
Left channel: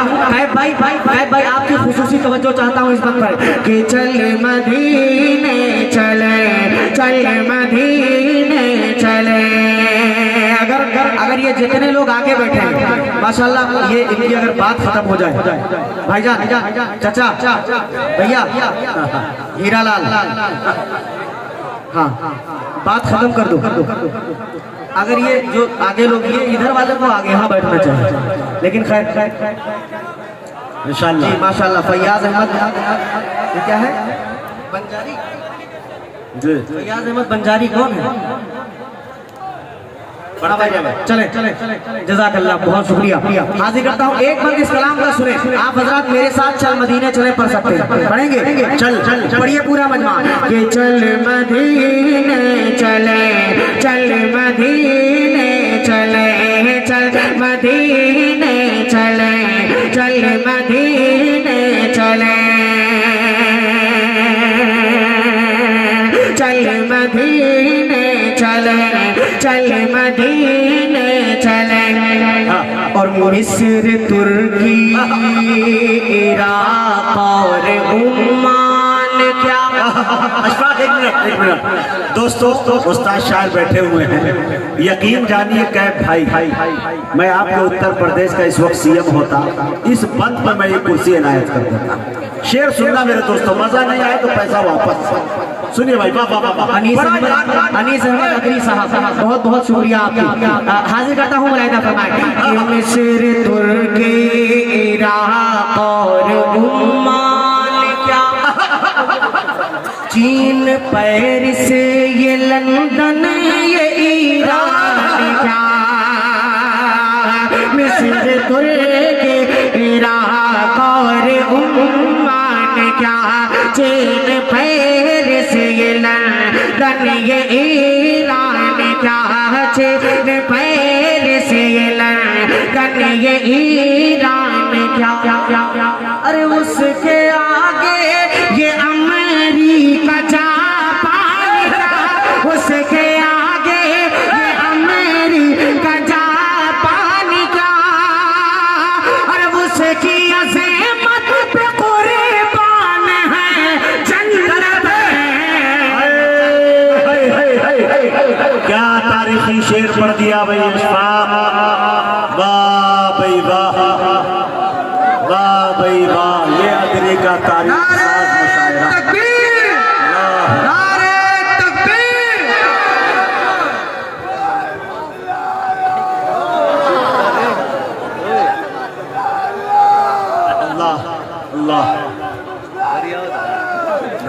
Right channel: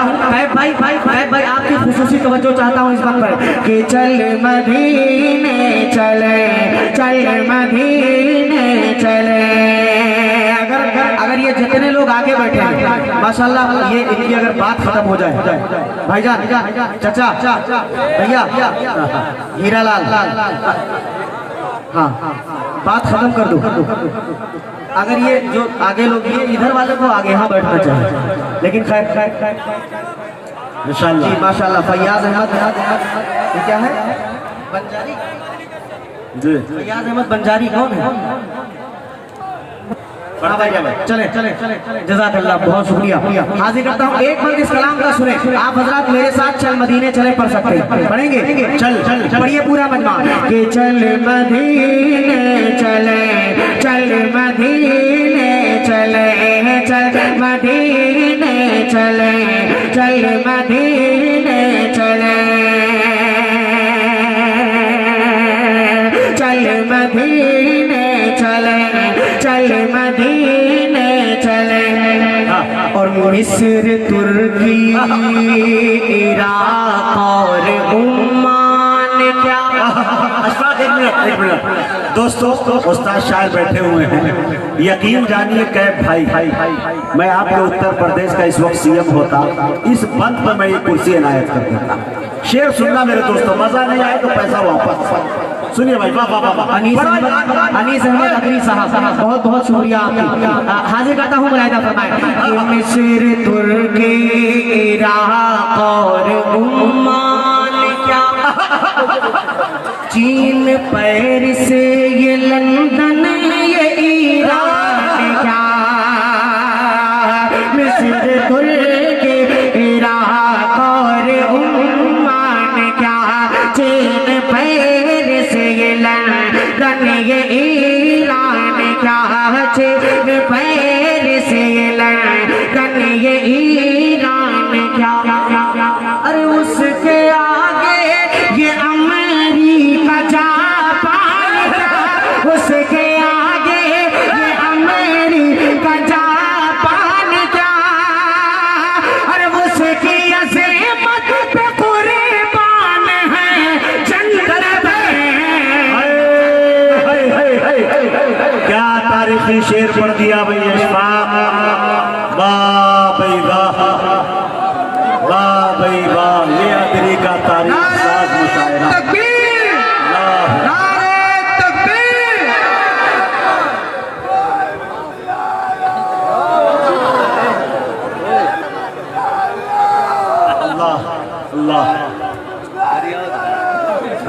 भाई आपकी खुसूसी तवज्जो चाहता हूँ इस बात पर कि चल मदीने चले, चल मदीने चले। अगर ये जितने लोग आगे बैठे हैं माशाल्लाह, ये इनकी अगर बात खत्म हो जाए, भाईजान, चाचा, भैया, हीरालाल, हाँ बात खत्म कर दो। अगर ये जो आगे लोग, ये इधर वाले को आगे यहाँ बैठना चाहिए, लेकिन खैर इंशाल्लाह माशाल्लाह। फैयाज अहमद, ये क्या है? बंजारी जी। फैयाज अहमद बंजारी कौन है? चले चले जज़ाकल्लाह, बहुत शुक्रिया। हाजिर करता हूँ, एक बार इस कलाम का सुने आप हजरात मेरे साथ। चल मदीने चले पढ़ सकते हैं, पढ़ेंगे? चल पढ़िए पूरा मजमा कि चल मदीने चले, चल मदीने चले, चल मदीने चले, चल मदीने चले, चल मदीने चले, चल मदीने चले। और मिस्र, तुर्की, इराक और ओमान, क्या एक मिनट दोस्तों, उस्ताद शायर बैठे हुए हैं। यकीन जानिए कैब भाई, मैं आपके उत्तर प्रदेश का इस वक्त सीएम होता, इस बंद पर मैं ये कुर्सी इनायत कर देता। शेर सुनना मेरे दोस्तों, मजा नहीं आया तो पैसा वापस। सुनिए भाई, वाह वाह वाह। अनीस अहमद अदरी साहब, बहुत बहुत शुक्रिया आपका। हाजिर करता हूँ, मुलाहिदा फरमाए कि मिस्र, तुर्की, इराक और ओमान, क्या चीन, पेरिस, ये लंदन, ये ईरान, क्या मिस्र, तुर्की, इराक और ओमान, क्या चीन, पेरिस, ये लंदन, ये ईरान, क्या चीन, पेरिस, ये लंदन, ये ईरान, क्या अरे उसके आगे ये अमेरिका, जापान, उसके आगे पढ़ दिया भाई इशफाक। वाह भाई वाह, वाह भाई वाह, ये अदरी का तारीख साज मुशायरा।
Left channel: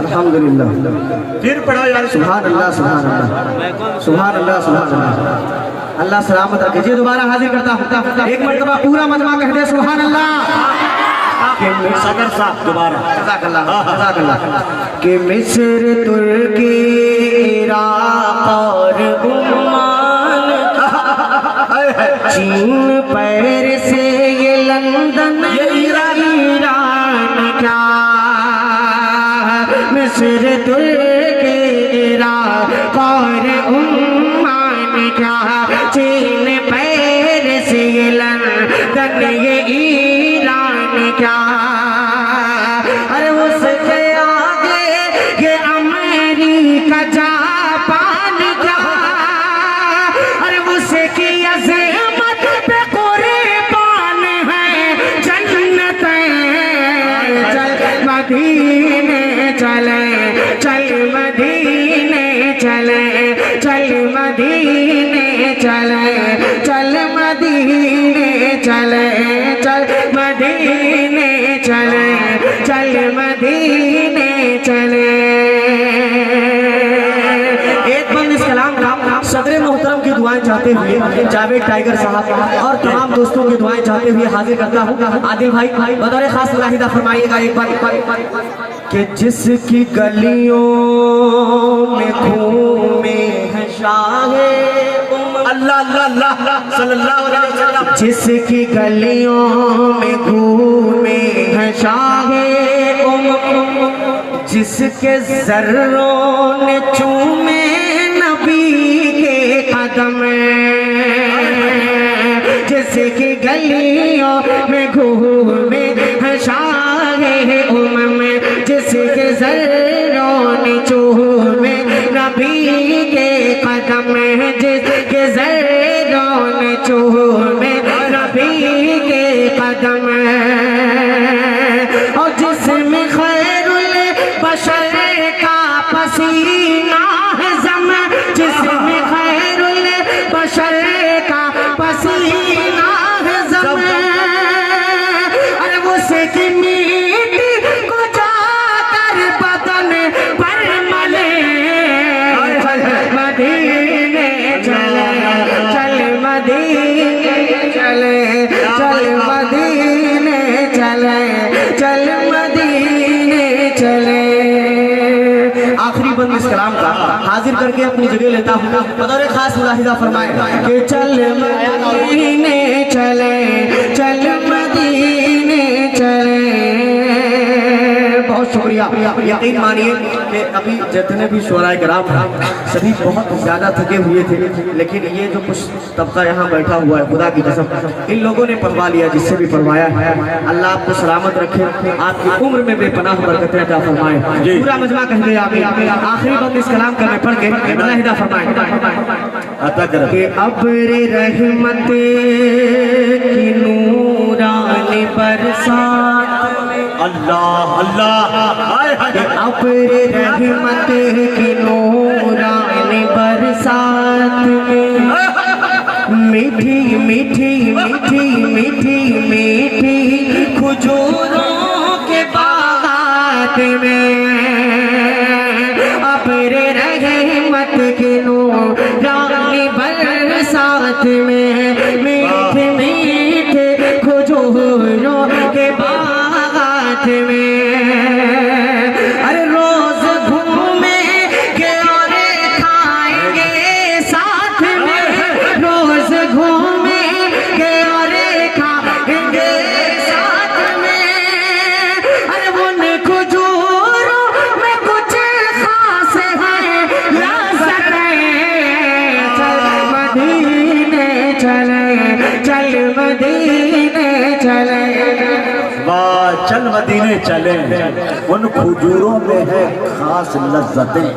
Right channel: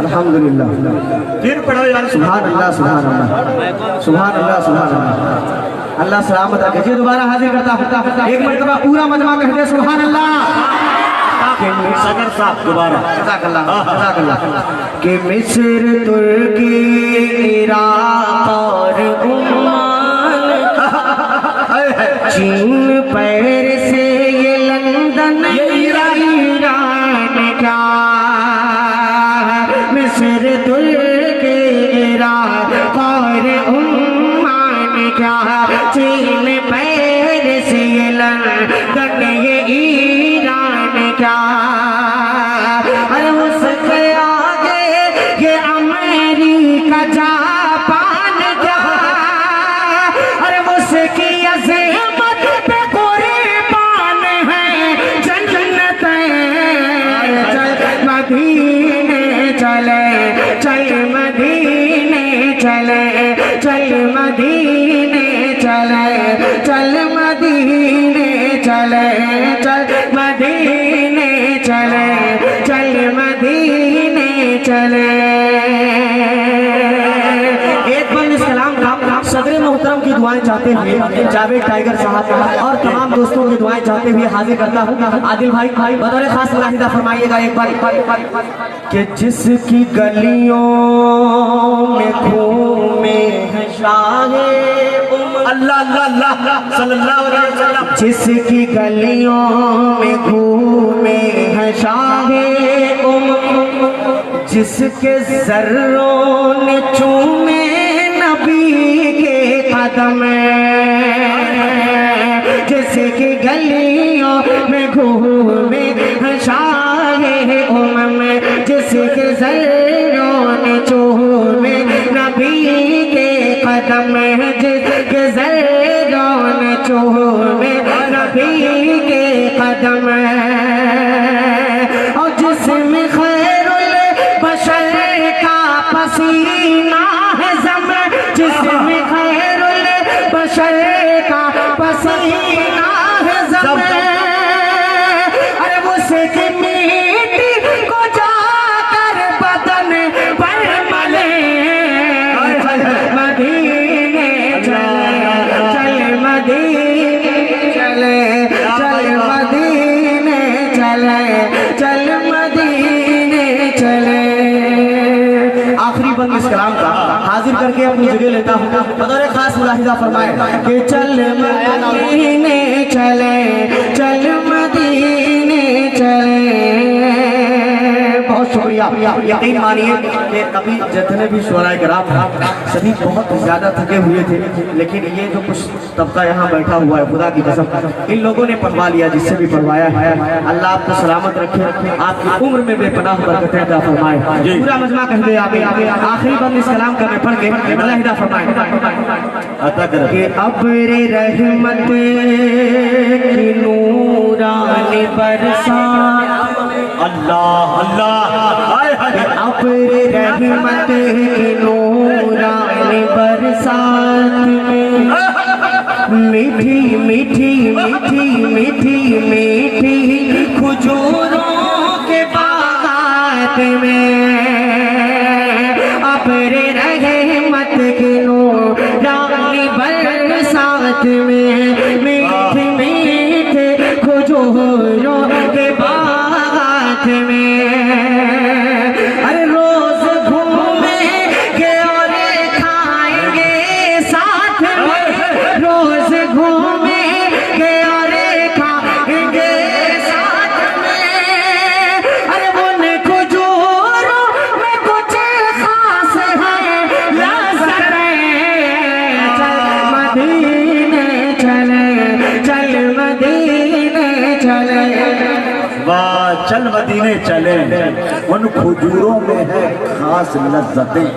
अल्हम्दुलिल्लाह। फिर पढ़ा यार। सुभान अल्लाह, सुभान अल्लाह, सुभान अल्लाह, सुभान अल्लाह। अल्लाह सलामत रखे जी। दोबारा हाजिर करता एक मरतबा पूरा मजमा कह दे सुभान अल्लाह। सगर साहब दोबारा कि मिस्र तुर्की इराक और ओमान, चीन पेरिस से ये लंदन ये ईरान क्या, मिस्र तुर्की इराक और ओमान क्या, चीन पेरिस ये लंदन ये ईरान क्या, अरे उसके आगे ये अमेरिका जापान क्या, अरे उसकी अज़मत पे कुर्बान है जन्नत। चल मदीने चले, चल मदीने चले, चल मदीने चले, चल मदीने चले, चल मदीने चले, चल मदीने चले। एक बार इस कलाम का सदर मोहतरम की दुआएं चाहते हुए जावेद टाइगर साहब और तमाम दोस्तों की दुआएं चाहते हुए हाजिर करता हूँ। आदिल भाई बतौर खास मुलाहिदा फरमाइएगा एक बार कि जिसकी गलियों में घूमे है शाहे अल्लाह अल्लाह अल्लाह सल्लल्लाहु अलैहि वसल्लम, जिसकी गलियों में घूमे है शाहे जिसके जर्रों ने चूमे नबी के कदम, जिसकी गलियों में घूमे है शाहे जिसके जर्रों ने चूमे नबी के कदम, जिसके जर्रों ने चूमे नबी के कदम, और जिसमें खैरुल बशर का पसीना है जम, जिसमें खैरुल बशर का पसीना है जम, अरे उसकी मिट्टी को जाकर बदन पर मले। चल मदीने चले, चल मदीने चले, चल मदीने चले, चल मदीने चले। आखिरी बंद इस कलाम का हाजिर करके अपनी जगह लेता हूँ। बतौर खास मुलाहिदा फरमाए कि चल मदीने चले, चल मदीने चले। बहुत शुक्रिया। यकीन मानिए कि अभी जितने भी शुराए कराम सभी बहुत ज्यादा थके हुए थे, लेकिन ये जो कुछ तबका यहाँ बैठा हुआ है, खुदा की कसम इन लोगों ने पढ़वा लिया, जिससे भी पढ़वाया है। अल्लाह आपको सलामत रखे, आपकी उम्र में बेपनाह बरकतें अता फरमाए। पूरा मजमा कह दे आखिरी बंद इस कलाम का मैं पढ़ के मुलाहिदा फरमाए अता कर कि अब्र रहमत की नूरानी बरसात, अल्लाह अल्लाह, हाय हाय, अब्र रहमत की नूरानी बरसात में मीठी मीठी मीठी मीठी मीठी खुजूरों के बागात में, अब्र रहमत की नूरानी बरसात में मीठे मीठे खुजूरों के बागात में, अरे रोज घूमेंगे और खाएंगे साथ में, रोज घूमेंगे और खाएंगे साथ में, अरे उन खुजूरों में कुछ खास है लज़्ज़त। चल मदीने चले, चल मदीने चले, वाह चल मदीने चले, उन खजूरों में है खास लज्जतें।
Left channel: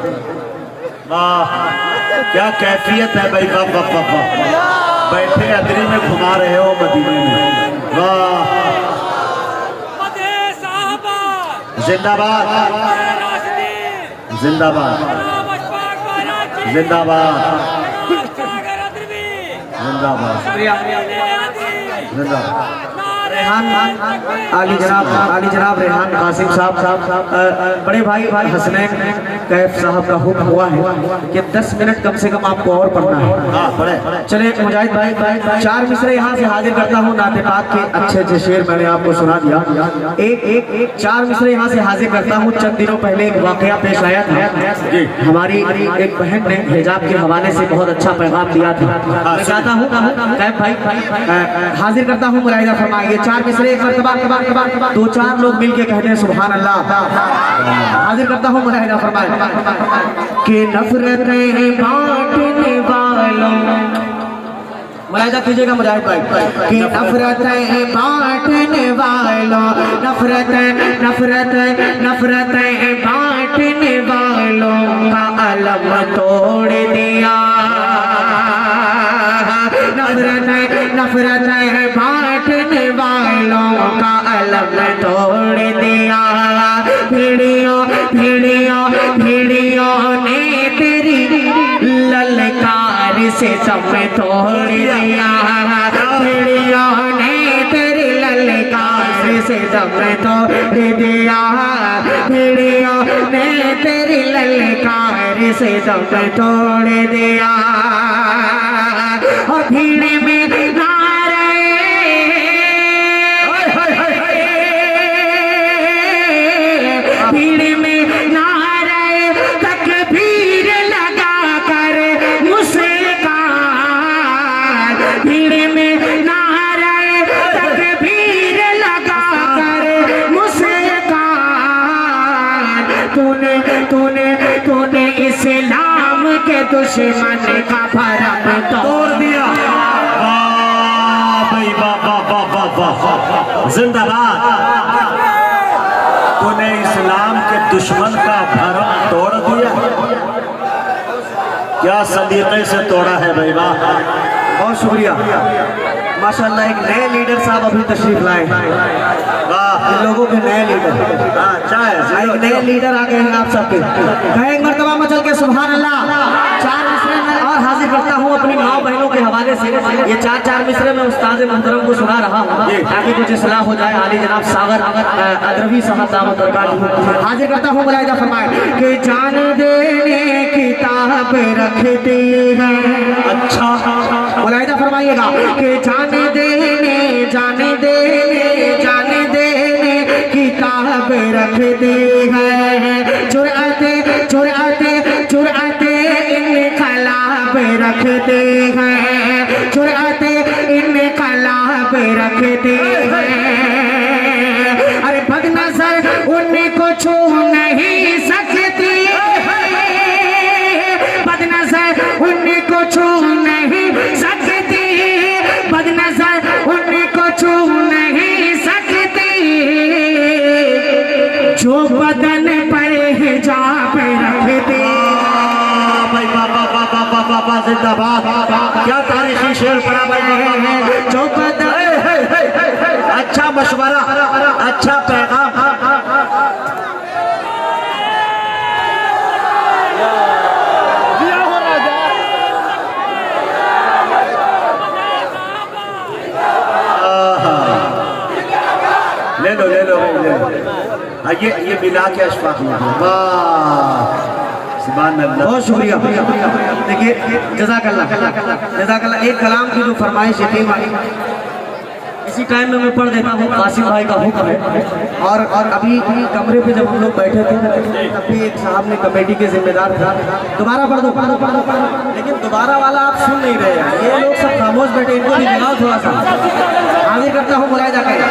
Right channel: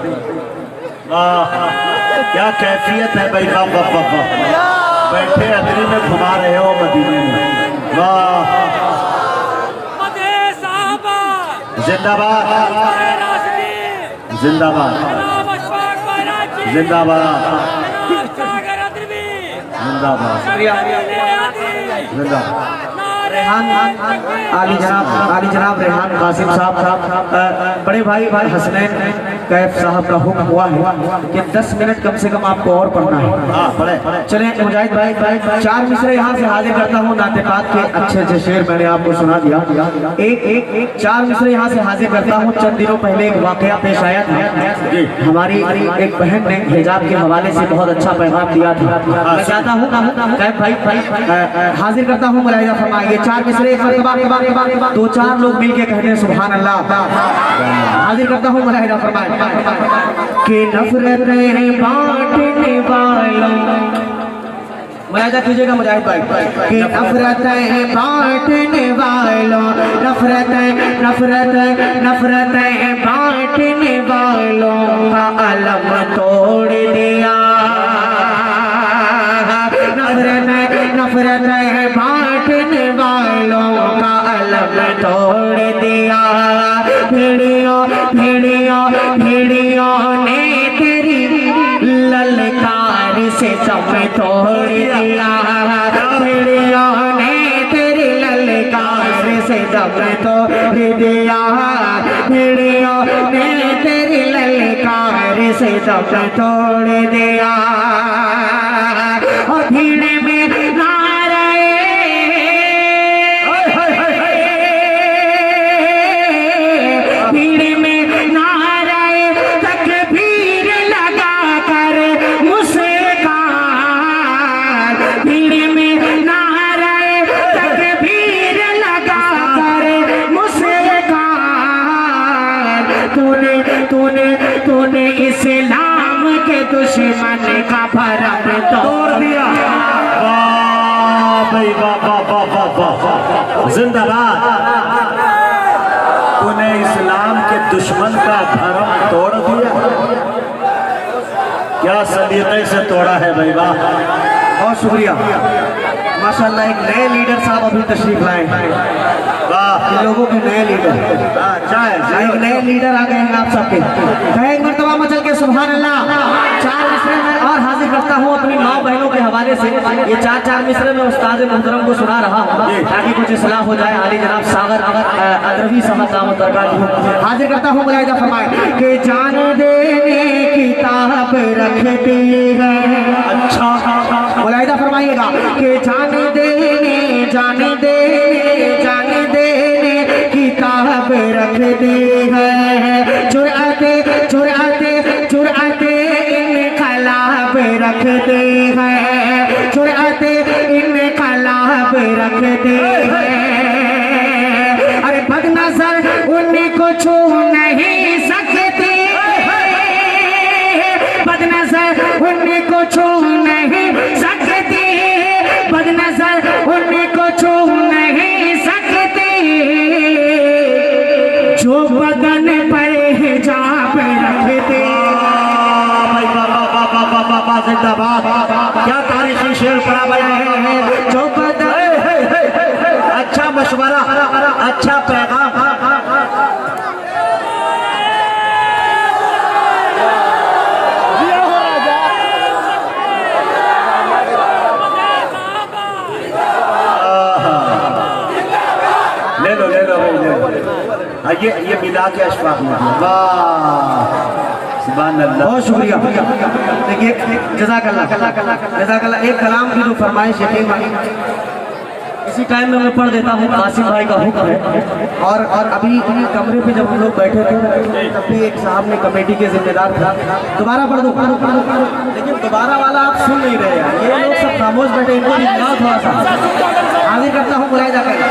वाह क्या कैफियत है भाई, वाह वाह वाह वाह। बैठे अदरी में घुमा रहे हो मदीने में, वाह। जिंदाबाद जिंदाबाद जिंदाबाद जिंदाबाद। आली जनाब रेहान कासिम साहब बड़े भाई हसनैन कैफ साहब का हुक्म हुआ है कि 10 मिनट कम से कम आपको और पढ़ना है। चले मुजाहिद भाई 4 मिसरे यहाँ से हाजिर करता हूँ। नाते पाक के अच्छे अच्छे शेर मैंने आपको सुना दिया। एक 4 मिसरे यहाँ से हाजिर करता हूँ। चंद दिनों पहले एक वाकया पेश आया था। हमारी एक बहन ने हिजाब के हवाले से बहुत अच्छा पैगाम दिया था। मैं चाहता हूँ कैफ भाई हाजिर करता हूँ, मुलाहिजा फरमाएंगे। 4 मिसरे एक मरतबा 2-4 लोग मिलके कहते हैं सुभान अल्लाह। हाजिर करता हूँ, मुलाहिजा फरमाएं कि नफरतें बांटने वालों, मुलाहिजा कीजिएगा मुजाहिद भाई, कि नफरतें बांटने वालों, नफरतें बांटने वालों का अलम तोड़ दिया। नफरतें बांटने वालों का अलम तोड़ दिया। भेड़ियों ने तेरी ललकार से सब तोड़ दिया। भेड़ियों ने तेरी ललकार से सब तोड़ दिया। भेड़ियों ने तेरी ललकार से सब तोड़ दिया। और भीड़ में तूने इस्लाम के दुश्मन का भरम तोड़ दिया। वाह भाई वाह वाह वाह वाह वाह, जिंदाबाद। तूने इस्लाम के दुश्मन का भरम तोड़ दिया। क्या सलीके से तोड़ा है भाई, वाह। बहुत शुक्रिया माशाल्लाह। एक नए लीडर साहब अभी तशरीफ लाए हैं। लोगों के नए लीडर, एक नए लीडर आ गए हैं आप सबके। एक मरतबा मचल के सुभान अल्लाह। 4 मिसरे में और हाजिर करता हूँ अपनी माँ बहनों के हवाले से। ये 4 मिसरे में उस्ताद मोहतरम को सुना रहा हूँ ताकि कुछ इस्लाह हो जाए। आली जनाब सागर अदरवी साहब दामत बरकातहू हाजिर करता हूँ, मुलाहिजा फरमाए कि जान देने की ताब रखती है। अच्छा मुलाहिजा फरमाइएगा कि जान देने किताब रखते हैं। जुर्अते इनकलाब रखते हैं। जुर्अते इनकलाब रखते हैं। अरे बदनजर उनको छू नहीं सकती। बदनजर उनको छू नहीं सकती। बदनजर उनको छू नहीं सकती। जो बदन पर हिजाब रखते। क्या तारीखी शेर बराबर है। जो बदन, अच्छा मशवरा, अच्छा पैगाम। ले लो ये मिला के अशफाक में। वाह सुभान अल्लाह, बहुत शुक्रिया। देखिए जज़ाकल्लाह। एक कलाम की जो फरमाइश है इसी टाइम में मैं पढ़ देता हूँ। कासिम भाई का हुक्म है। और अभी कमरे पे जब हम लोग बैठे थे तब भी एक साहब ने कमेटी के जिम्मेदार था, दोबारा पढ़ दो। लेकिन दोबारा वाला आप सुन नहीं रहे हैं। ये लोग सब खामोश बैठे, इनको भी मिलाओ थोड़ा सा। हाजिर करता हूँ, मुलाहिजा करें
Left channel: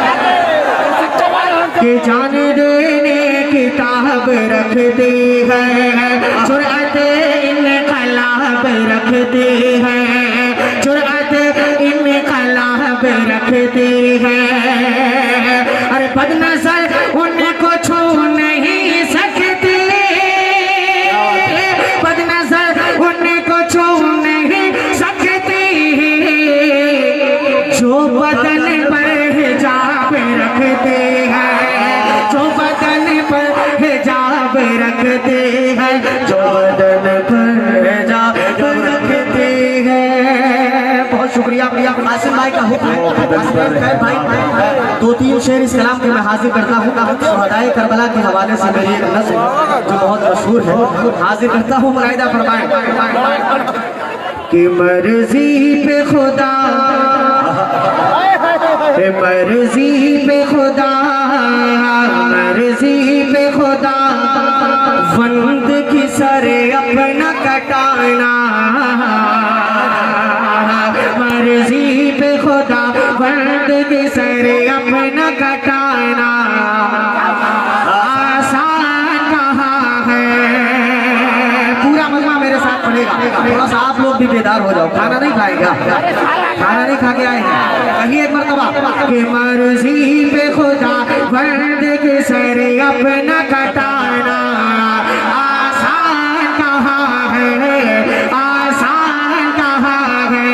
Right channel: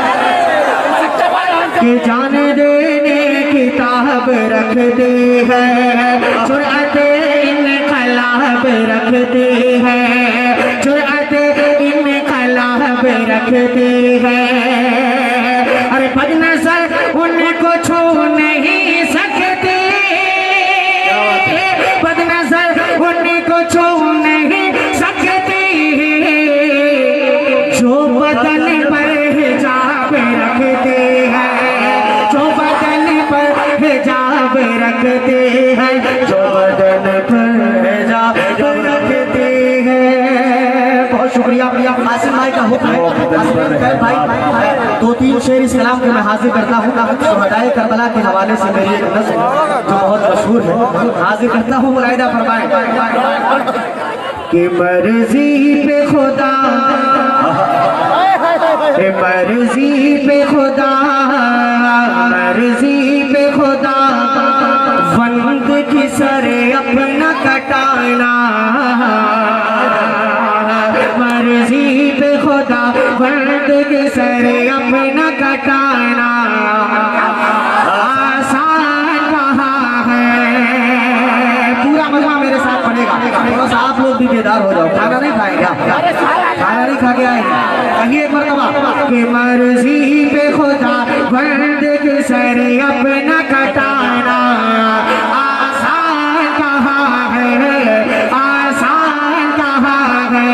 कि जान देने किताब रखते हैं। जुर्अते इनकलाब रखते हैं। जुर्अते इनकलाब रखते हैं। अरे बदनजर उनको छू नहीं सकते। बदनजर उनको छू जब रखते हैं, जो बदन पर जब रखते हैं। बहुत शुक्रिया आसिम भाई का हुक्म भाई। 2-3 शेर इस कलाम के मैं हाजिर करता हूँ। शुहदाए करबला के हवाले से मेरी एक नज़्म जो बहुत मशहूर है हाजिर करता हूँ। मुलाहिदा फरमाएं कि मर्जी पे खुदा, मर्जी पे खुदा, मर्जी पे खुदा, बंद की सरे अपना कटाना। मर्जी पे खुदा, बंद की सरे अपना कटाना। आसान कहाँ है, पूरा मजा मेरे साथ पड़ेगा। बस आप लोग भी बेदार हो जाओ। खाना नहीं खाएगा, खाना नहीं खा के आएगा। कहिए एक मरतबा कि मर्जी पे खुदा, बंद के सरे अपना कटाना। आसान कहाँ है, आसान कहाँ है।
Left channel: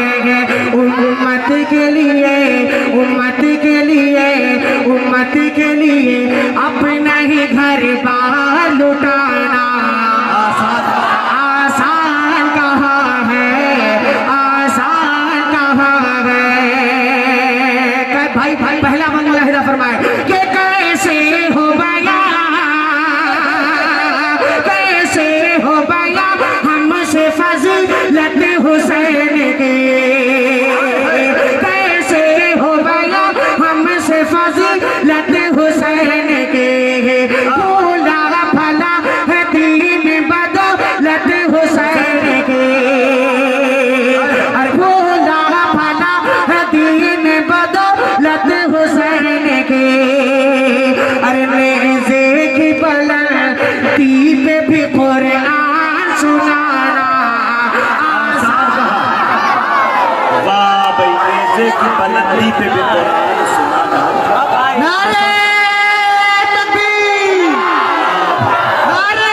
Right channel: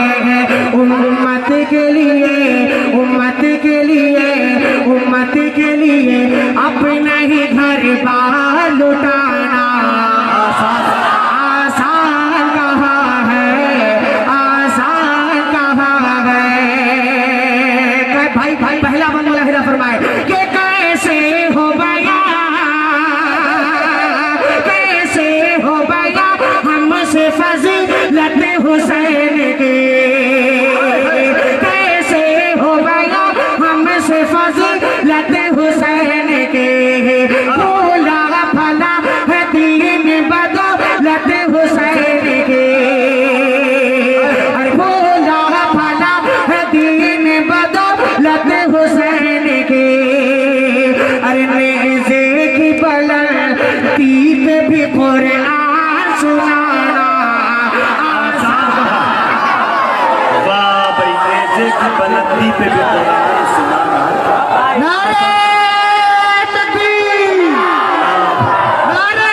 उम्मत के लिए, उम्मत के लिए, उम्मत के लिए अपना ही घर बार लुटाना। आसान कहाँ है, आसान कहाँ है। भाई भाई पहला बंद मुलाहिदा फरमाए कि कैसे हो गया, कैसे हो गया हमसे फजीलत हुसैन की। कैसे हो गया हमसे फजीलत हुसैन की। भूला भला है दीन बदौलत हुसैन की। अरे भूला भला है दीन बदौलत हुसैन की। अरे नेज़े की बुलंदी पे भी कुरान सुनाना। वाह भाई, नेज़े की बुलंदी पे भी कुरान सुनाना। नारे तकबीर, नारे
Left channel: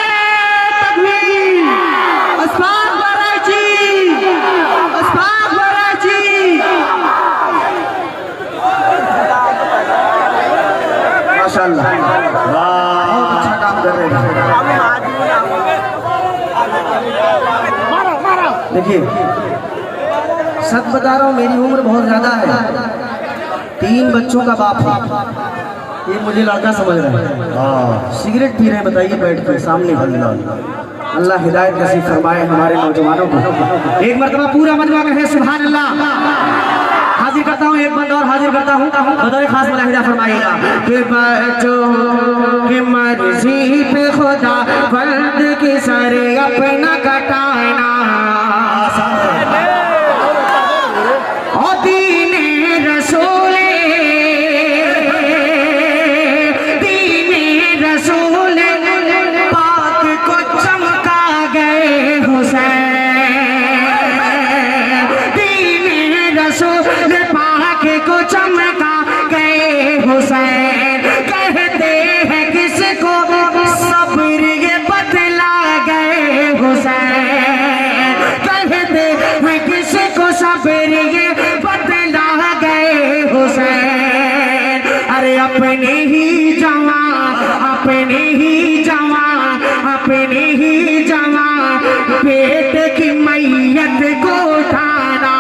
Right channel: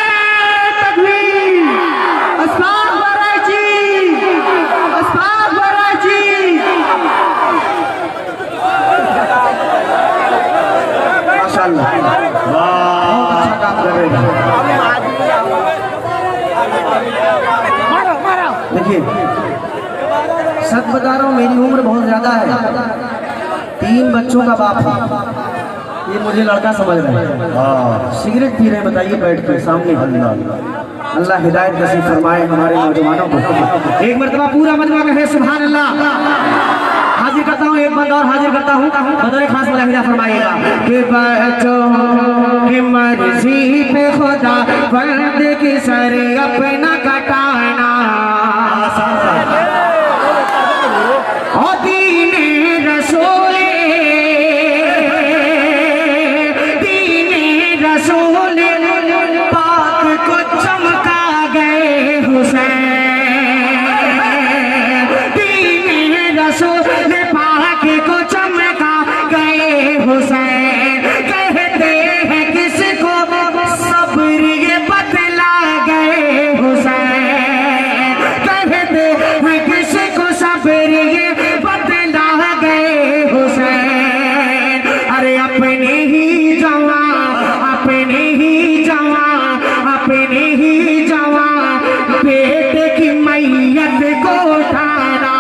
तकबीर। अस्ताग़ बराची, अस्ताग़ बराची। माशाअल्लाह, वाह, बहुत अच्छा काम कर रहे हैं। देखिए सच बता रहा हूँ, मेरी उम्र बहुत ज्यादा है। 3 बच्चों का बाप था। ये मुझे लड़का समझ रहा है। हाँ, सिगरेट पी रहे बताइए बैठ के सामने। अल्लाह हिदायत नसीब फरमाए हमारे नौजवानों को। एक मरतबा पूरा मजमा कहे सुभान अल्लाह। हाजिर करता हूँ, एक बंदा और हाजिर करता हूँ। बदौर खास मुलाहिदा फरमाइएगा कि बच्चों की मर्जी पे खुदा, बंद की सरे अपना कटाना। और दीने रसूले, दीने रसूले पाक को चमका गए हुसैन। दीने रसूल पाक को चमका गए हुसैन। कहते हैं किसको सब्र ये बतला गए हुसैन। कहते हैं किसको सब्र ये बतला गए हुसैन। अरे अपने ही जवान, अपने ही जवान, अपने ही जवान बेटे की मैयत को उठाना।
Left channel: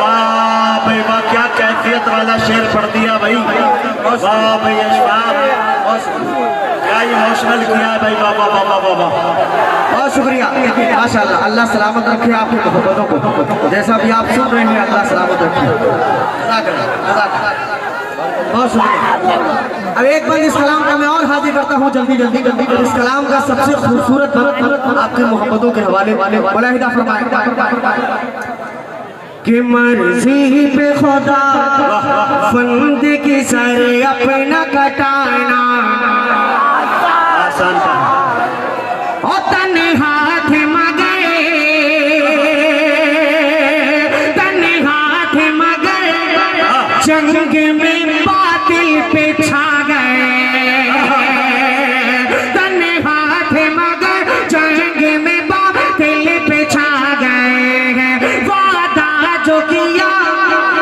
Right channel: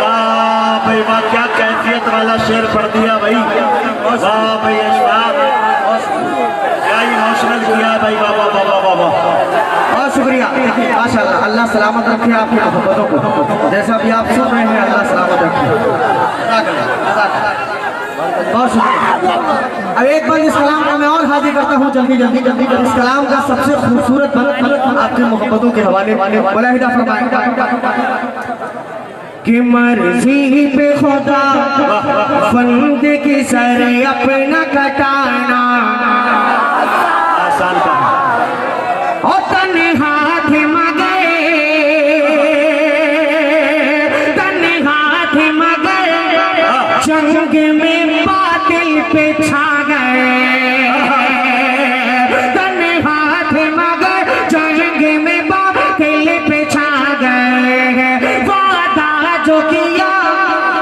वाह भाई वाह, क्या कैफियत वाला शेर पढ़ दिया भाई। वाह भाई, अशफाक क्या इमोशनल किया भाई। वाह वाह वाह वाह वाह। बहुत शुक्रिया माशाअल्लाह। अल्लाह सलामत रखे आपकी मोहब्बतों को। जैसा भी आप सुन रहे हैं अल्लाह सलामत रखे। बहुत शुक्रिया। अब एक बार इस कलाम को मैं और हाजिर करता हूँ जल्दी जल्दी जल्दी। इस कलाम का सबसे खूबसूरत बंद आपकी मोहब्बतों के हवाले मुलाहिदा फरमाएं कि मर्जी पे खुदा, बंद की सरे अपना कटाना। आसान कहा। और तने हाथ मगे, तने हाथ मगे, जंग में बातिल पे छा गए। तने हाथ मगे, जंग में बातिल पे छा गए। वादा जो किया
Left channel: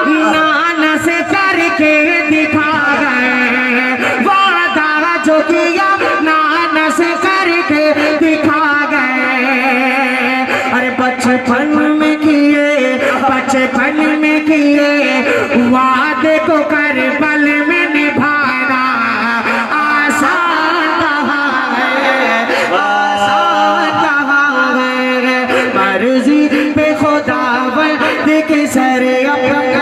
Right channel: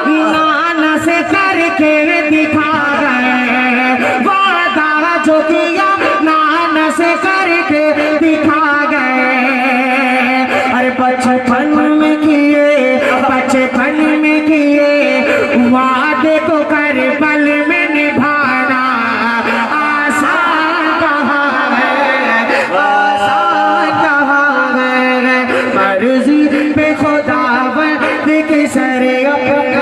नाना से करके दिखा गए। वादा जो किया नाना से करके दिखा गए। अरे बचपन में किए वादे को कर पल में निभाना आसान कहाँ है, आसान कहाँ है। मर्जी पे खुदावंद की सर अपना